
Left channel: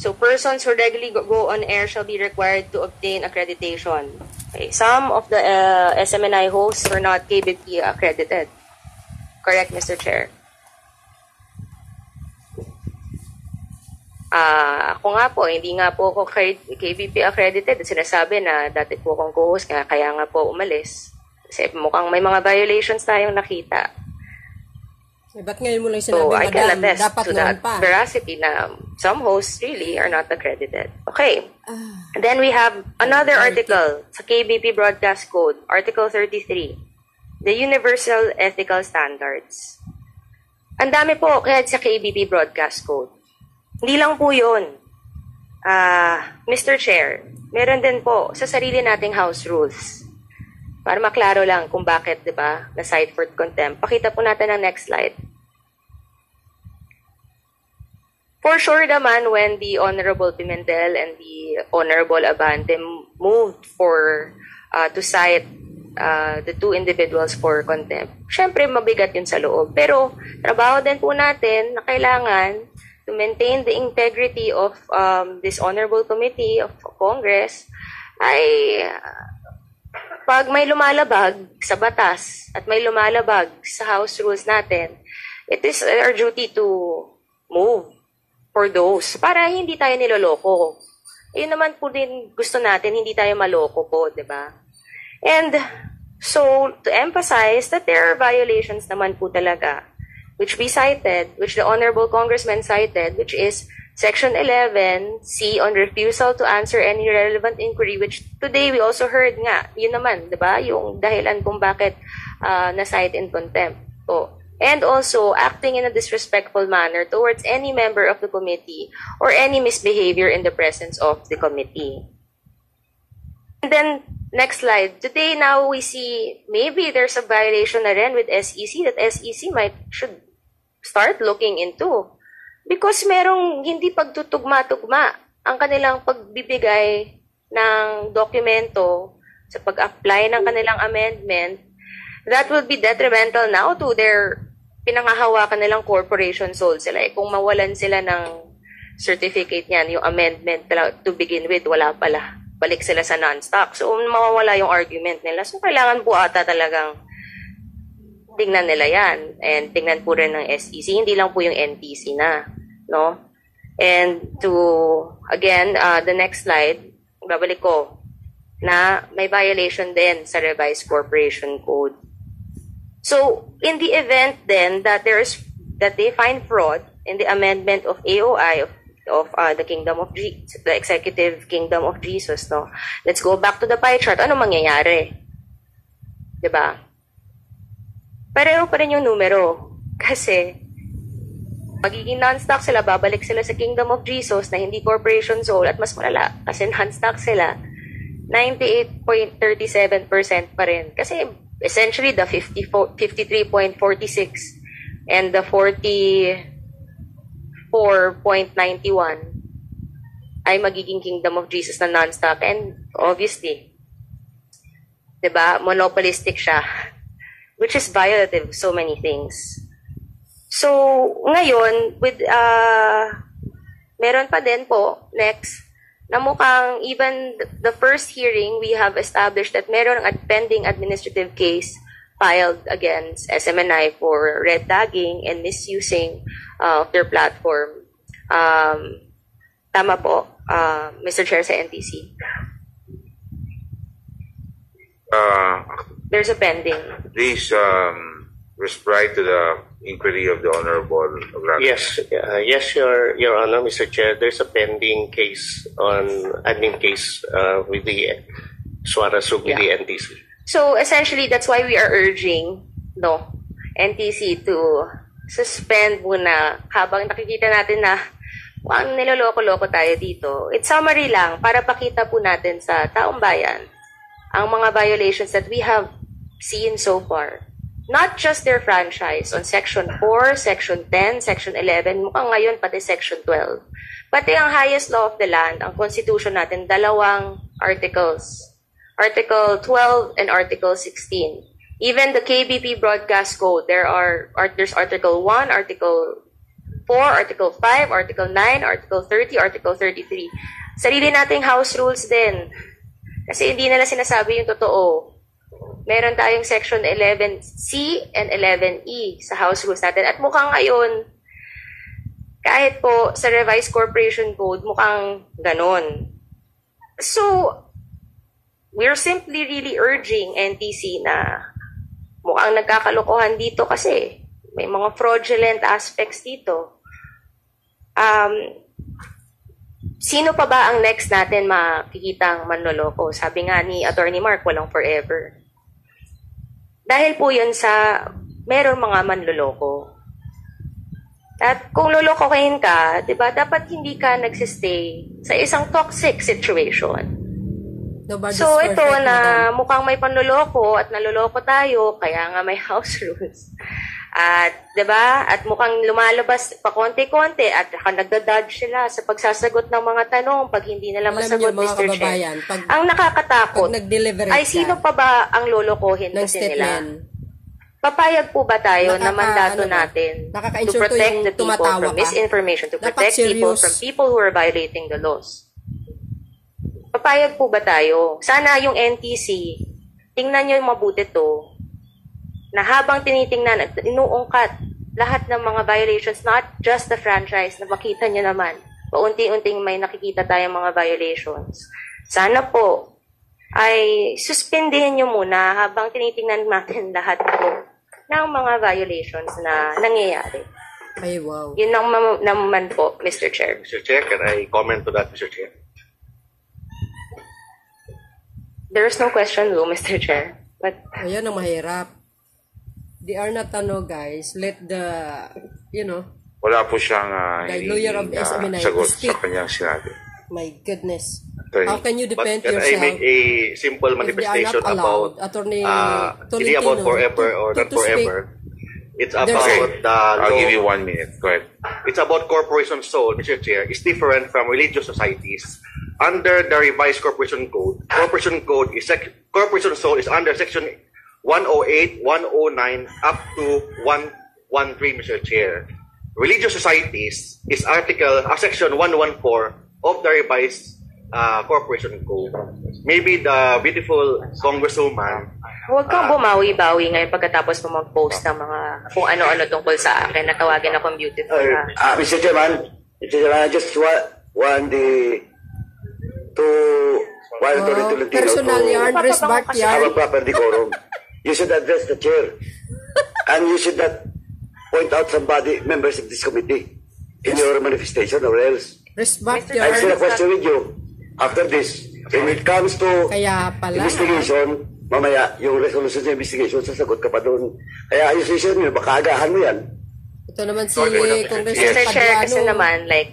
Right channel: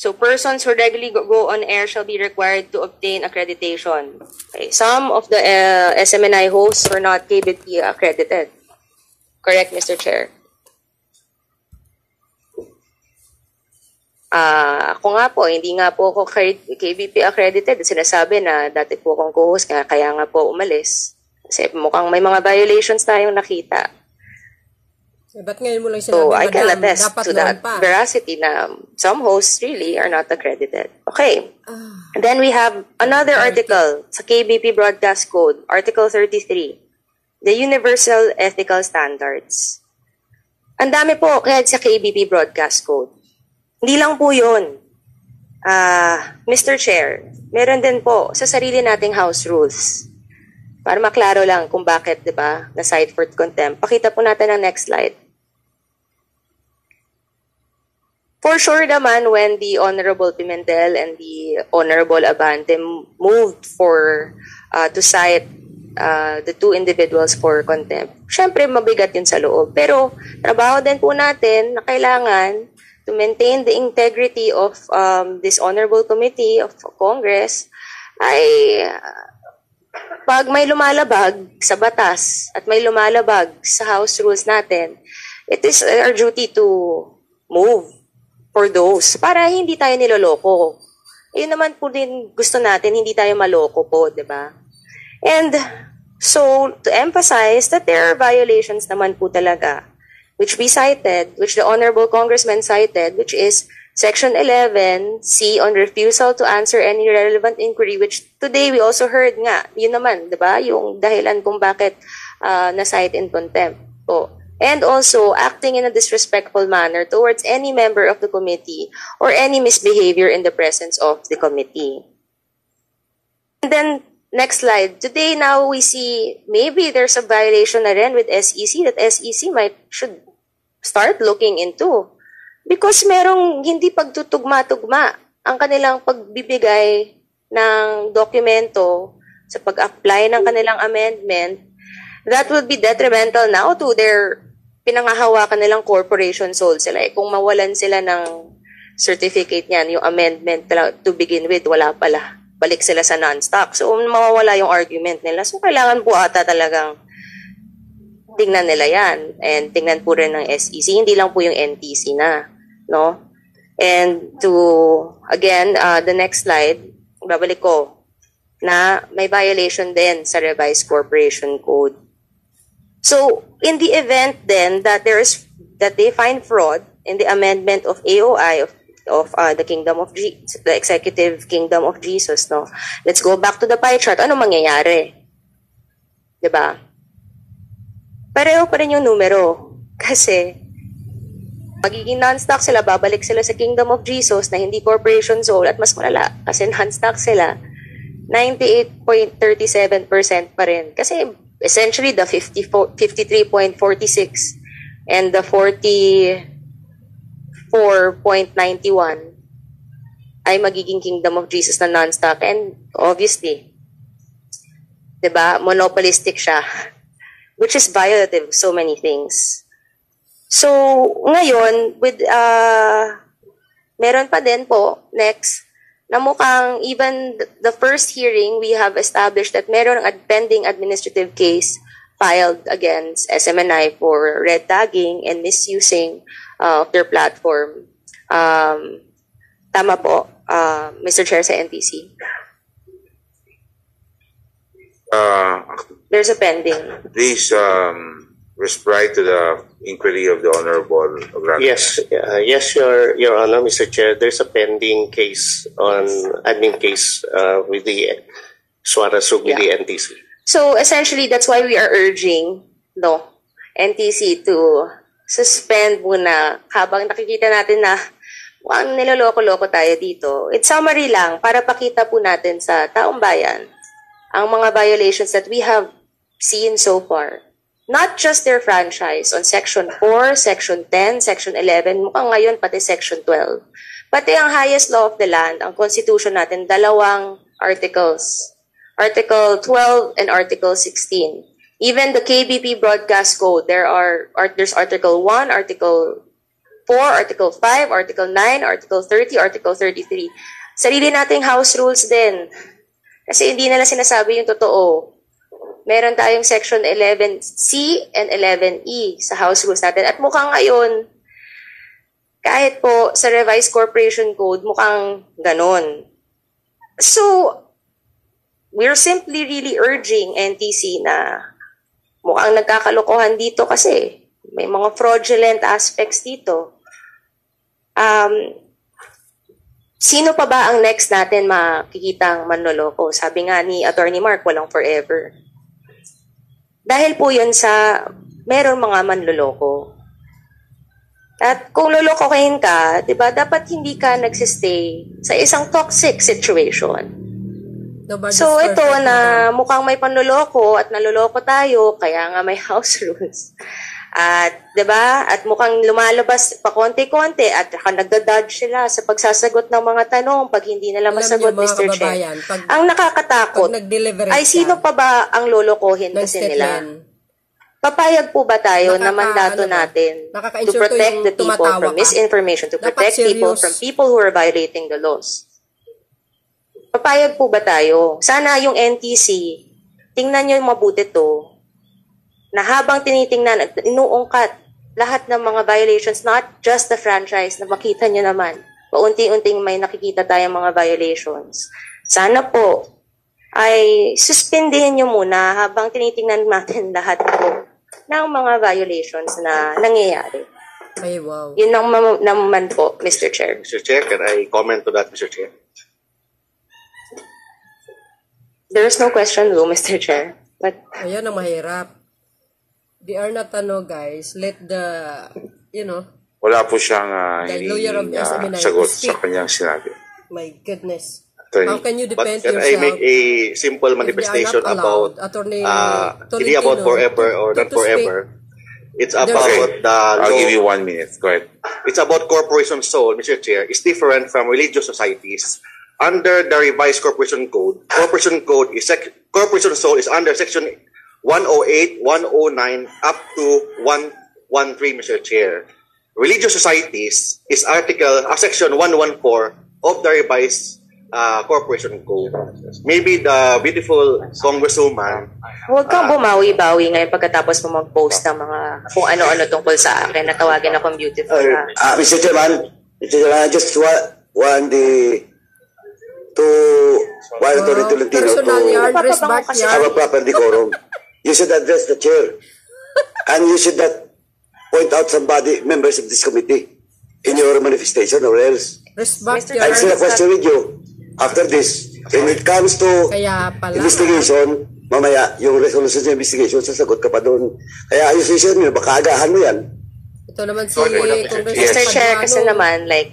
So, persons who regularly go on air shall be required to obtain accreditation. Okay. Some of the SMNI hosts were not KBP accredited. Correct, Mr. Chair. Ako nga po, hindi nga po ako KBP accredited. Sinasabi na dati po akong co-host, kaya nga po umalis. Kasi mukhang may mga violations tayong nakita. Ba't ngayon mo lang sinabi, so, I can attest dapat to that veracity na some hosts really are not accredited. Okay. And then we have another article sa KBP Broadcast Code, Article 33. The Universal Ethical Standards. Ang dami po kahit sa KBP Broadcast Code. Hindi lang po yun. Mr. Chair, meron din po sa sarili nating house rules. Para maklaro lang kung bakit, di ba, na-cite for contempt. Pakita po natin ang next slide. For sure naman, when the Honorable Pimentel and the Honorable Abante moved to cite the two individuals for contempt. Siyempre, mabigat yun sa loob. Pero, trabaho din po natin na kailangan to maintain the integrity of this Honorable Committee of Congress ay pag may lumalabag sa batas at may lumalabag sa House rules natin, it is our duty to move for those para hindi tayo niloloko. Yun naman po din gusto natin, hindi tayo maloko po, di ba? And so, to emphasize that there are violations naman po talaga, which we cited, which the Honorable Congressman cited, which is Section 11C on refusal to answer any relevant inquiry, which today we also heard nga, yun naman, di ba? Yung dahilan kung bakit na-cite in contempt. So, and also, acting in a disrespectful manner towards any member of the committee or any misbehavior in the presence of the committee. And then, next slide. Today, now we see maybe there's a violation na rin with SEC that SEC should start looking into. Because merong hindi pagtutugma-tugma ang kanilang pagbibigay ng dokumento sa pag-apply ng kanilang amendment that would be detrimental now to their pinangahawakan nilang corporation sold sila. Kung mawalan sila ng certificate niyan, yung amendment to begin with, wala pala. Balik sila sa non-stock. So, mawawala yung argument nila. So, kailangan po ata talagang tingnan nila yan. And tingnan po rin ng SEC. Hindi lang po yung NTC na. No? And again, the next slide. babalik ko, na may violation din sa revised corporation code. So, in the event then that they find fraud in the amendment of AOI of the the Executive Kingdom of Jesus, no? Let's go back to the pie chart. Ano mangyayari? 'Di ba? Pareho pa rin yung numero. Kasi magiging non-stock sila, babalik sila sa Kingdom of Jesus na hindi corporation sole at mas malala kasi non-stock sila. 98.37% pa rin. Kasi essentially the 53.46 and the 44.91 ay magiging Kingdom of Jesus na non-stock. And obviously, 'di ba, monopolistic siya, which is violative of so many things. So, ngayon, with meron pa din po, next, na mukhang even the first hearing, we have established that meron ang pending administrative case filed against SMNI for red tagging and misusing of their platform. Tama po, Mr. Chair sa NTC. There's a pending. This reply to the inquiry of the Honorable Yes, yes, Your Honor, Mr. Chair. There's a pending case on admin case with the Suarez with the NTC. So essentially, that's why we are urging NTC to suspend muna habang nakikita natin na ang niloloko-loko tayo dito. It's summary lang para pakita po natin sa taong bayan ang mga violations that we have seen so far. Not just their franchise on Section 4, Section 10, Section 11, mukhang ngayon pati Section 12. Pati ang highest law of the land, ang Constitution natin, dalawang articles. Article 12 and Article 16. Even the KBP Broadcast Code, there's Article 1, Article 4, Article 5, Article 9, Article 30, Article 33. Sarili nating house rules din. Kasi hindi nila sinasabi yung totoo. Meron tayong Section 11C and 11E sa House Rules natin. At mukhang ngayon, kahit po sa Revised Corporation Code, mukhang ganon. So, we're simply really urging NTC na mukhang nagkakalokohan dito kasi may mga fraudulent aspects dito. Sino pa ba ang next natin makikitang manloloko? Sabi nga ni Attorney Mark, walang forever. Dahil po yun sa meron mga manloloko. At kung lolokohin ka, di ba, dapat hindi ka nagsistay sa isang toxic situation. So ito na mukhang may panloloko at naloloko tayo, kaya nga may house rules. At, di ba, at mukhang lumalabas pa konti-konti at nagda-dodge sila sa pagsasagot ng mga tanong pag hindi nila masagot, Mr. Chair. Ang nakakatakot ay sino pa ba ang lolokohin kasi nila? Papayag po ba tayo na mandato natin to protect the people from misinformation, to protect people from people who are violating the laws? Papayag po ba tayo? Sana yung NTC, tingnan nyo yung mabuti to, na habang tinitingnan at inuungkat lahat ng mga violations, not just the franchise, na makita nyo naman, paunti-unting may nakikita tayong mga violations. Sana po ay suspindihin nyo muna habang tinitingnan natin lahat po ng mga violations na nangyayari. Ay, wow. Yun naman po, Mr. Chair. Mr. Chair, can I comment to that, Mr. Chair? There's no question though, Mr. Chair. But ayan ang mahirap. They are not, guys, let the, wala po siyang lawyer of SMNI sagot sa kanyang sinabi. My goodness. Attorney. How can you defend Can yourself? I make a simple manifestation about hindi about forever or not forever? It's about the law. I'll give you 1 minute. Go ahead. It's about corporation soul, Mr. Chair. It's different from religious societies. Under the revised corporation code corporation soul is under section 108, 109 up to 113, Mr. Chair. Religious societies is section 114 of the revised corporation code. Maybe the beautiful congresswoman. Huwag kang bumawi-bawi ngayon pagkatapos mo mag-post ng mga kung ano-ano tungkol sa akin na tawagin akong beautiful. Mr. Chairman, I just want to violatory to Latino personal yard, respect have yard. a proper decorum. You should address the chair. And you should not point out somebody, members of this committee, in your manifestation or else. Respect Mr. I'll yard. share a question with you after this. When it comes to Kaya pala. investigation, mamaya, yung resolution sa investigation, sasagot ka pa doon. Kaya ayusin mo, baka agahan mo yan. Ito naman si Congressman Mr. Chair, kasi Cabrano. naman, like,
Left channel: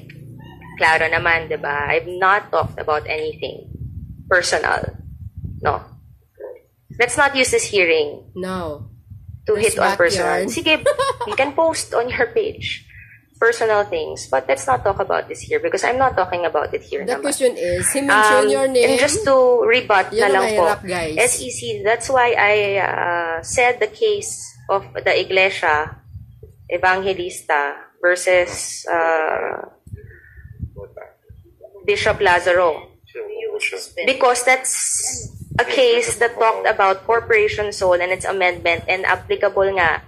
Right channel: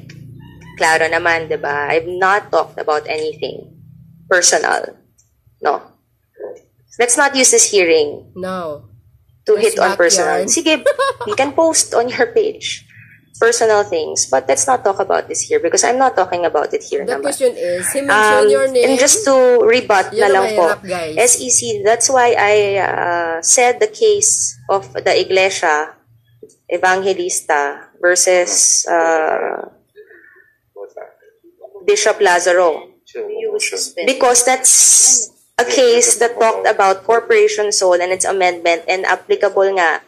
klaro naman, di ba? I've not talked about anything personal. No. Let's not use this hearing No. to hit on personal. backyard. Sige, you can post on your page personal things, but let's not talk about this here because I'm not talking about it here The naman. question is, he mentioned your name. And just to rebut Yan na ang lang po, mahirap, guys. SEC, that's why I said the case of the Iglesia Evangelista versus Bishop Lazaro. Because that's a case that talked about corporation soul and its amendment and applicable nga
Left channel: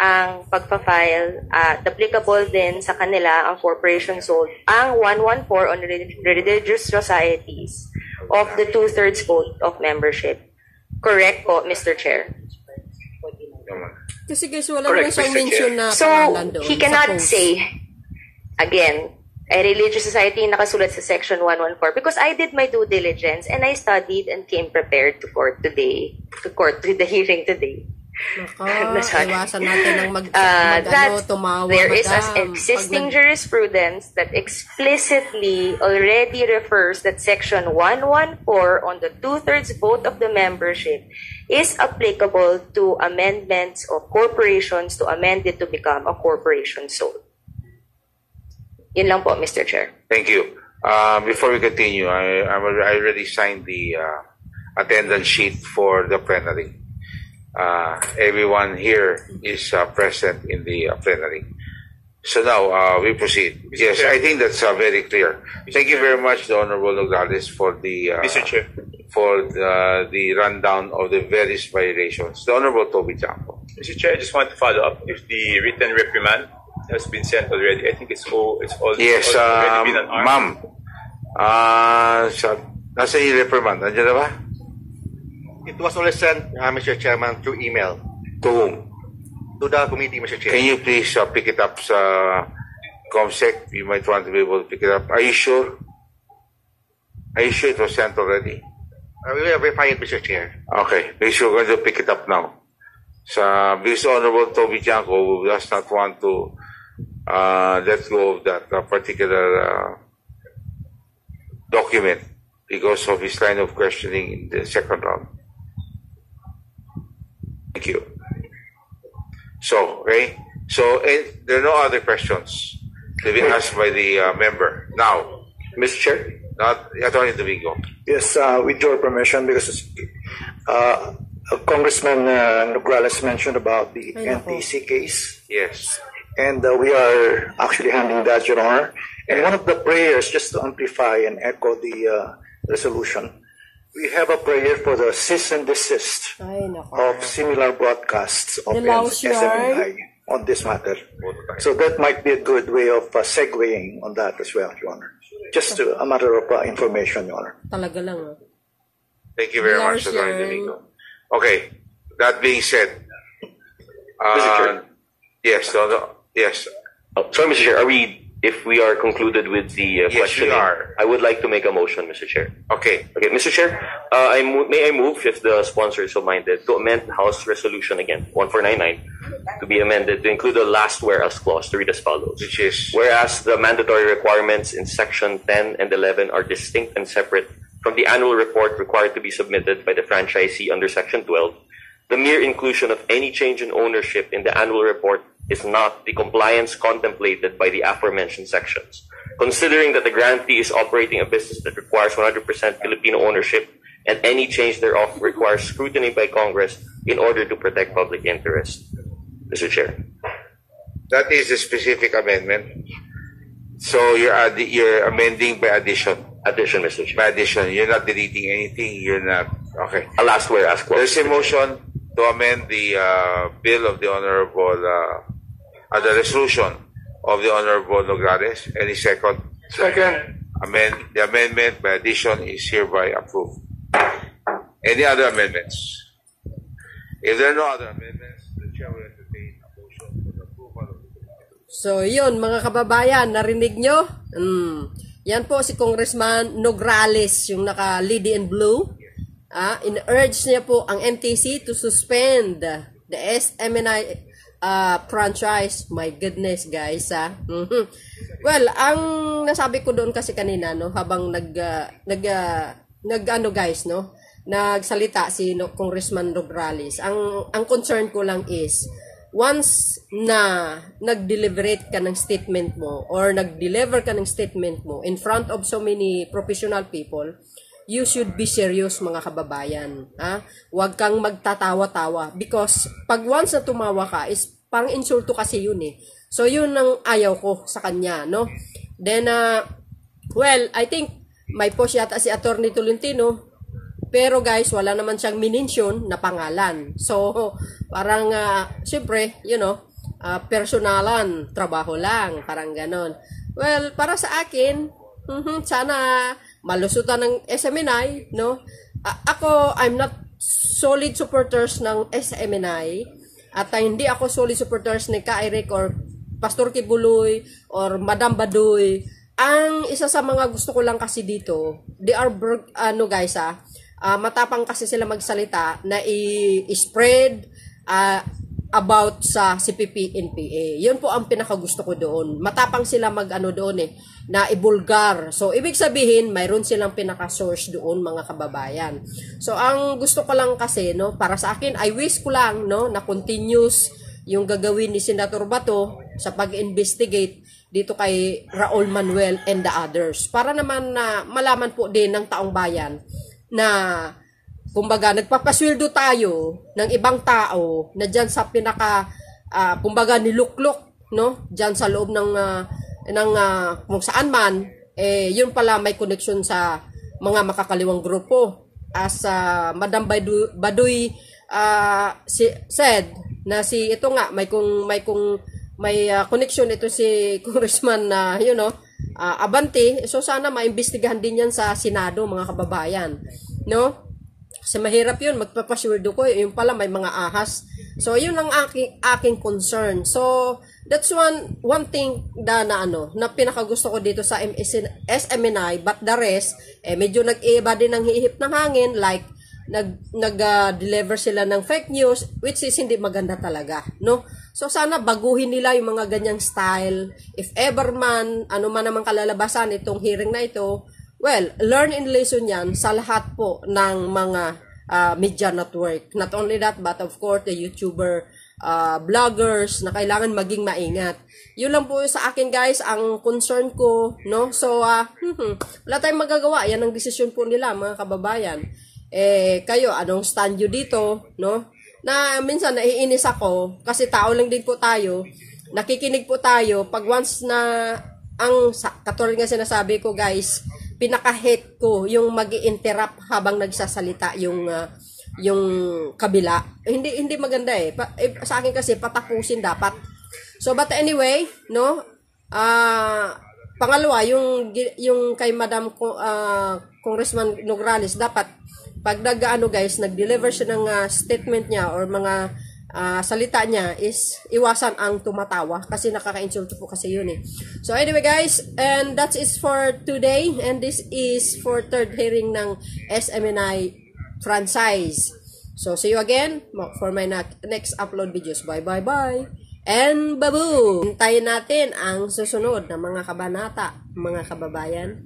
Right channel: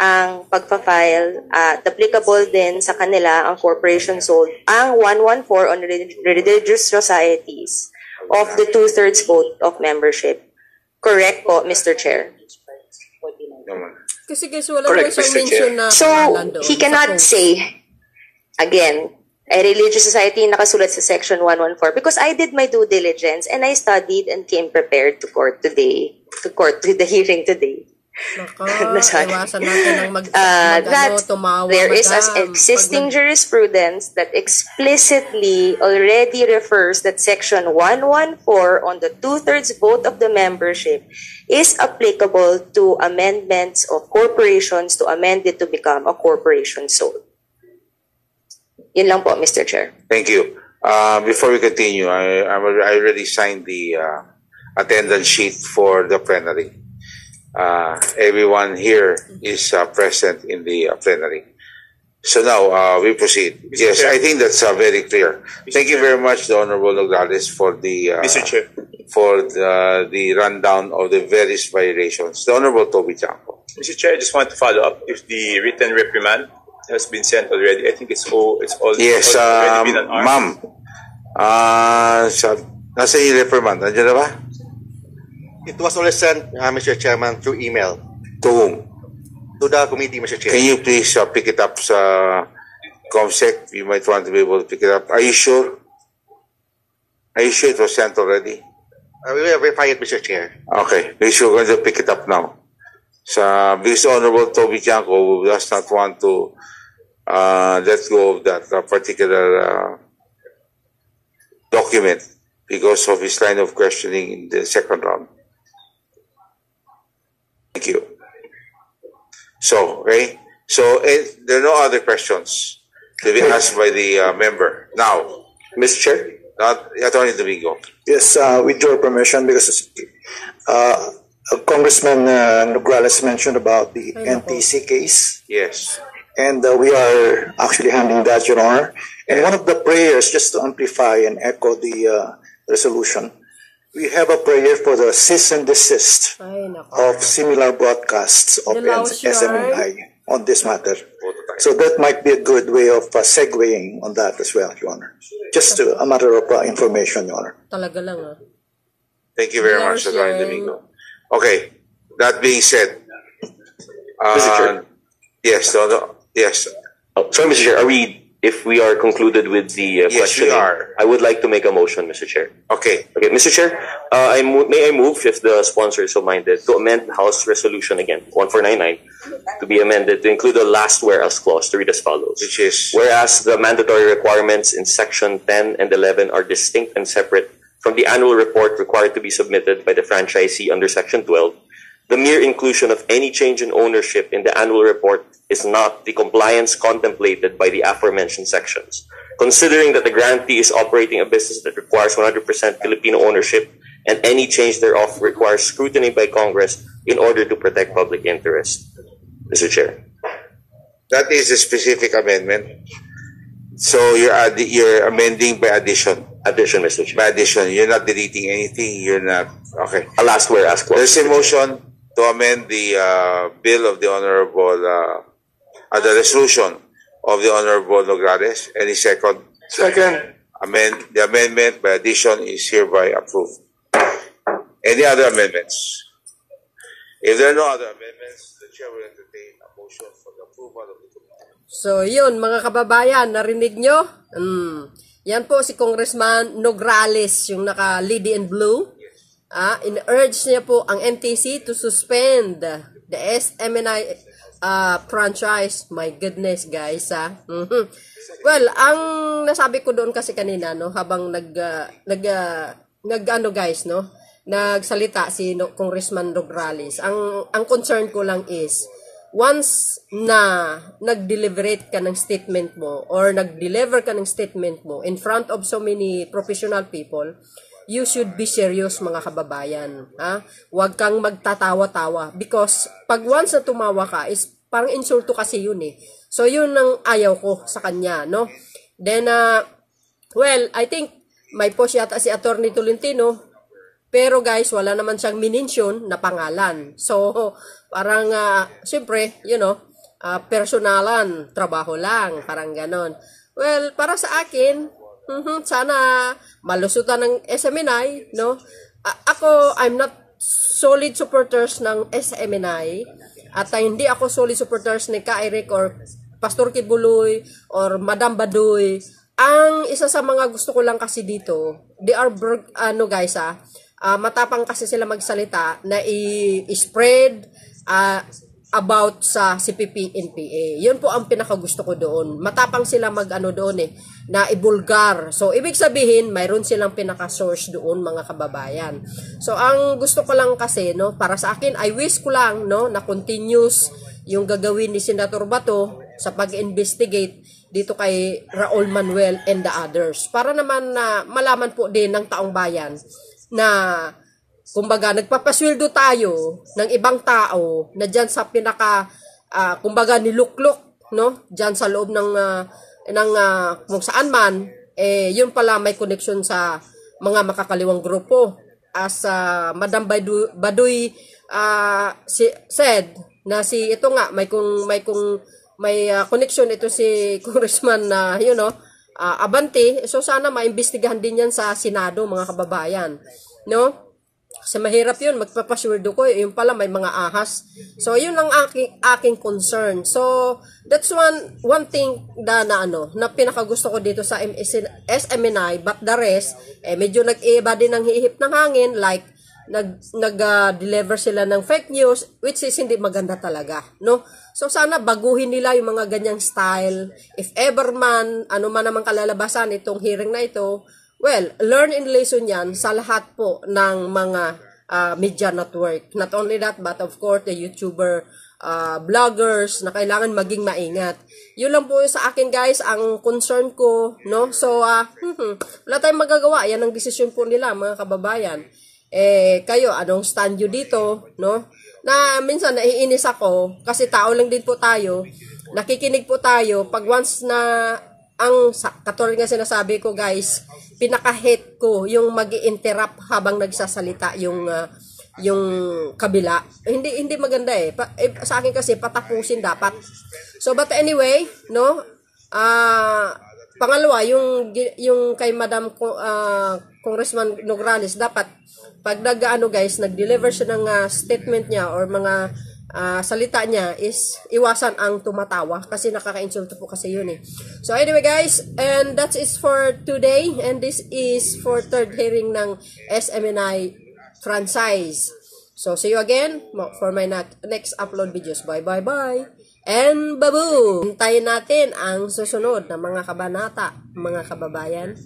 ang pagpa-file at applicable din sa kanila ang corporation soul ang 114 on religious societies of the 2/3 vote of membership. Correct po, Mr. Chair. Kasi guys, wala naman Correct, siyang Mr. mention na So, pangalan doon. he sa cannot post. say, again, a religious society nakasulat sa section 114 because I did my due diligence and I studied and came prepared to court to the hearing today. Naka, Sorry. iwasan natin ng That tumawa. there is an madam. existing Pag- jurisprudence that explicitly already refers that section 114 on the 2/3 vote of the membership is applicable to amendments of corporations to amend it to become a corporation soul. Yun lang po, Mr. Chair. Thank you. Before we continue, I already signed the attendance sheet for the plenary. Everyone here is present in the plenary. So now we proceed. Yes, I think that's very clear. Thank you very much, the Honorable Nograles, for the Mr. Chair. for the rundown of the various violations. The Honorable Toby Chanco. Mr. Chair, I just want to follow up if the written reprimand has been sent already. I think it's all Yes, already been unarmed. ma'am. Nasa yung reprimand? Nandiyan na ba? It was already sent, Mr. Chairman, through email To whom? to the committee, Mr. Chair. Can you please pick it up sa ComSec? You might want to be able to pick it up. Are you sure? Are you sure it was sent already? I will verify it, Mr. Chair. Okay, please we're going to pick it up now. Because Honorable Toby Chanco does not want to let go of that particular document because of his line of questioning in the second round. Thank you. So, okay. So, there are no other questions to be asked by the member. Now, Mr. Chair? Attorney Domingo. Yes, with your permission, because Congressman Nograles mentioned about the NTC case, Yes. and we are actually handling that, Your Honor. And one of the prayers, just to amplify and echo the resolution, we have a prayer for the cease and desist Ay, nako. of similar broadcasts of Dilaw siya. SMNI on this matter. So that might be a good way of segueing on that as well, Your Honor. Just a matter of information, Your Honor. Talaga lang Thank you very Dilaw much, Attorney siya. Domingo. Okay. That being said, Mr. Chair? yes, yes. Sorry, Mr. Chair, if we are concluded with the Yes, questioning, we are. I would like to make a motion, Mr. Chair. Okay. Okay, Mr. Chair, may I move, if the sponsor is so minded, to amend House Resolution again, 1499, to be amended to include the last whereas clause to read as follows. Which is? Whereas the mandatory requirements in Section 10 and 11 are distinct and separate from the annual report required to be submitted by the franchisee under Section 12, the mere inclusion of any change in ownership in the annual report is not the compliance contemplated by the aforementioned sections. Considering that the grantee is operating a business that requires 100% Filipino ownership and any change thereof requires scrutiny by Congress in order to protect public interest. Mr. Chair. That is a specific amendment. So you're amending by addition. Addition, Mr. Chair. By addition. You're not deleting anything. You're not. Okay. A last whereas clause. There's a motion to amend the bill of the Honorable, the resolution of the Honorable Nograles. Any second? Second. The amendment by addition is hereby approved. Any other amendments? If there are no other amendments, the chair will entertain a motion for the approval of the committee. So, yun, mga kababayan, narinig nyo? Yan po si Congressman Nograles, yung naka-lady in blue. In-urge niya po ang NTC to suspend the SMNI franchise. My goodness, guys, Well, ang nasabi ko doon kasi kanina, no, habang guys, no, nagsalita si Congressman Nograles. Ang concern ko lang is, once na nag-deliberate ka ng statement mo or nag-deliver ka ng statement mo in front of so many professional people, you should be serious, mga kababayan. Huwag kang magtatawa-tawa. Because pag once na tumawa ka, is parang insulto kasi yun eh. So yun ang ayaw ko sa kanya, no? Then, well, I think may post yata si Attorney Tolentino. Pero guys, wala naman siyang minention na pangalan. So, parang, siyempre, personalan, trabaho lang, parang ganon. Well, para sa akin, sana malusutan ng SMNI, no? I'm not solid supporters ng SMNI, at hindi ako solid supporters ni Ka Eric or Pastor Kibuloy or Madam Baduy. Ang isa sa mga gusto ko lang kasi dito, they are, guys, matapang kasi sila magsalita na i-spread about sa CPP NPA. Yun po ang pinakagusto ko doon. Matapang sila doon na ibulgar. So, ibig sabihin, mayroon silang pinaka-source doon, mga kababayan. So, ang gusto ko lang kasi, no, para sa akin, I wish ko lang, no, na continuous yung gagawin ni Senator Bato sa pag-investigate dito kay Raul Manuel and the others. Para naman na malaman po din ng taong bayan na kumbaga nagpapasweldo tayo ng ibang tao na diyan sa pinaka kumbaga niluklok, no, diyan sa loob ng kung saan man, yun pala may connection sa mga makakaliwang grupo. As Madam Baduy said na ito nga may connection ito si Congressman Abante. So sana maimbestigahan din yan sa Senado, mga kababayan, no? Kasi mahirap yun, magpapasweldo ko, yung pala may mga ahas. So yun ang aking concern. So that's one thing na pinakagusto ko dito sa SMNI, but the rest medyo nag-iba din ng hihip ng hangin, like nag-deliver sila ng fake news, which is hindi maganda talaga, no? So sana baguhin nila yung mga ganyang style. If ever man, ano man namang kalalabasan itong hearing na ito, well, learn and lesson yan sa lahat po ng mga media network. Not only that, but of course, the YouTuber, vloggers, na kailangan maging maingat. Yun lang po sa akin, guys, ang concern ko, no? So, wala tayong magagawa. Yan ang desisyon po nila, mga kababayan. Kayo, anong stand nyo dito, no? Na minsan naiinis ako, kasi tao lang din po tayo, nakikinig po tayo, pag once na, katulad nga sinasabi ko, guys, pinaka-hate ko yung mag-i-interrupt habang nagsasalita yung kabila. Hindi maganda sa akin kasi patapusin dapat. So but anyway, no? Pangalawa, yung kay Madam Congressman Nograles, dapat pag nag-deliver siya ng statement niya or mga salita niya, is iwasan ang tumatawa kasi nakaka-insulto po kasi yun So anyway, guys, and that is for today, and this is for third hearing ng SMNI Francise. So see you again for my next upload videos. Bye and babu. Hintayin natin ang susunod na mga kabanata, mga kababayan.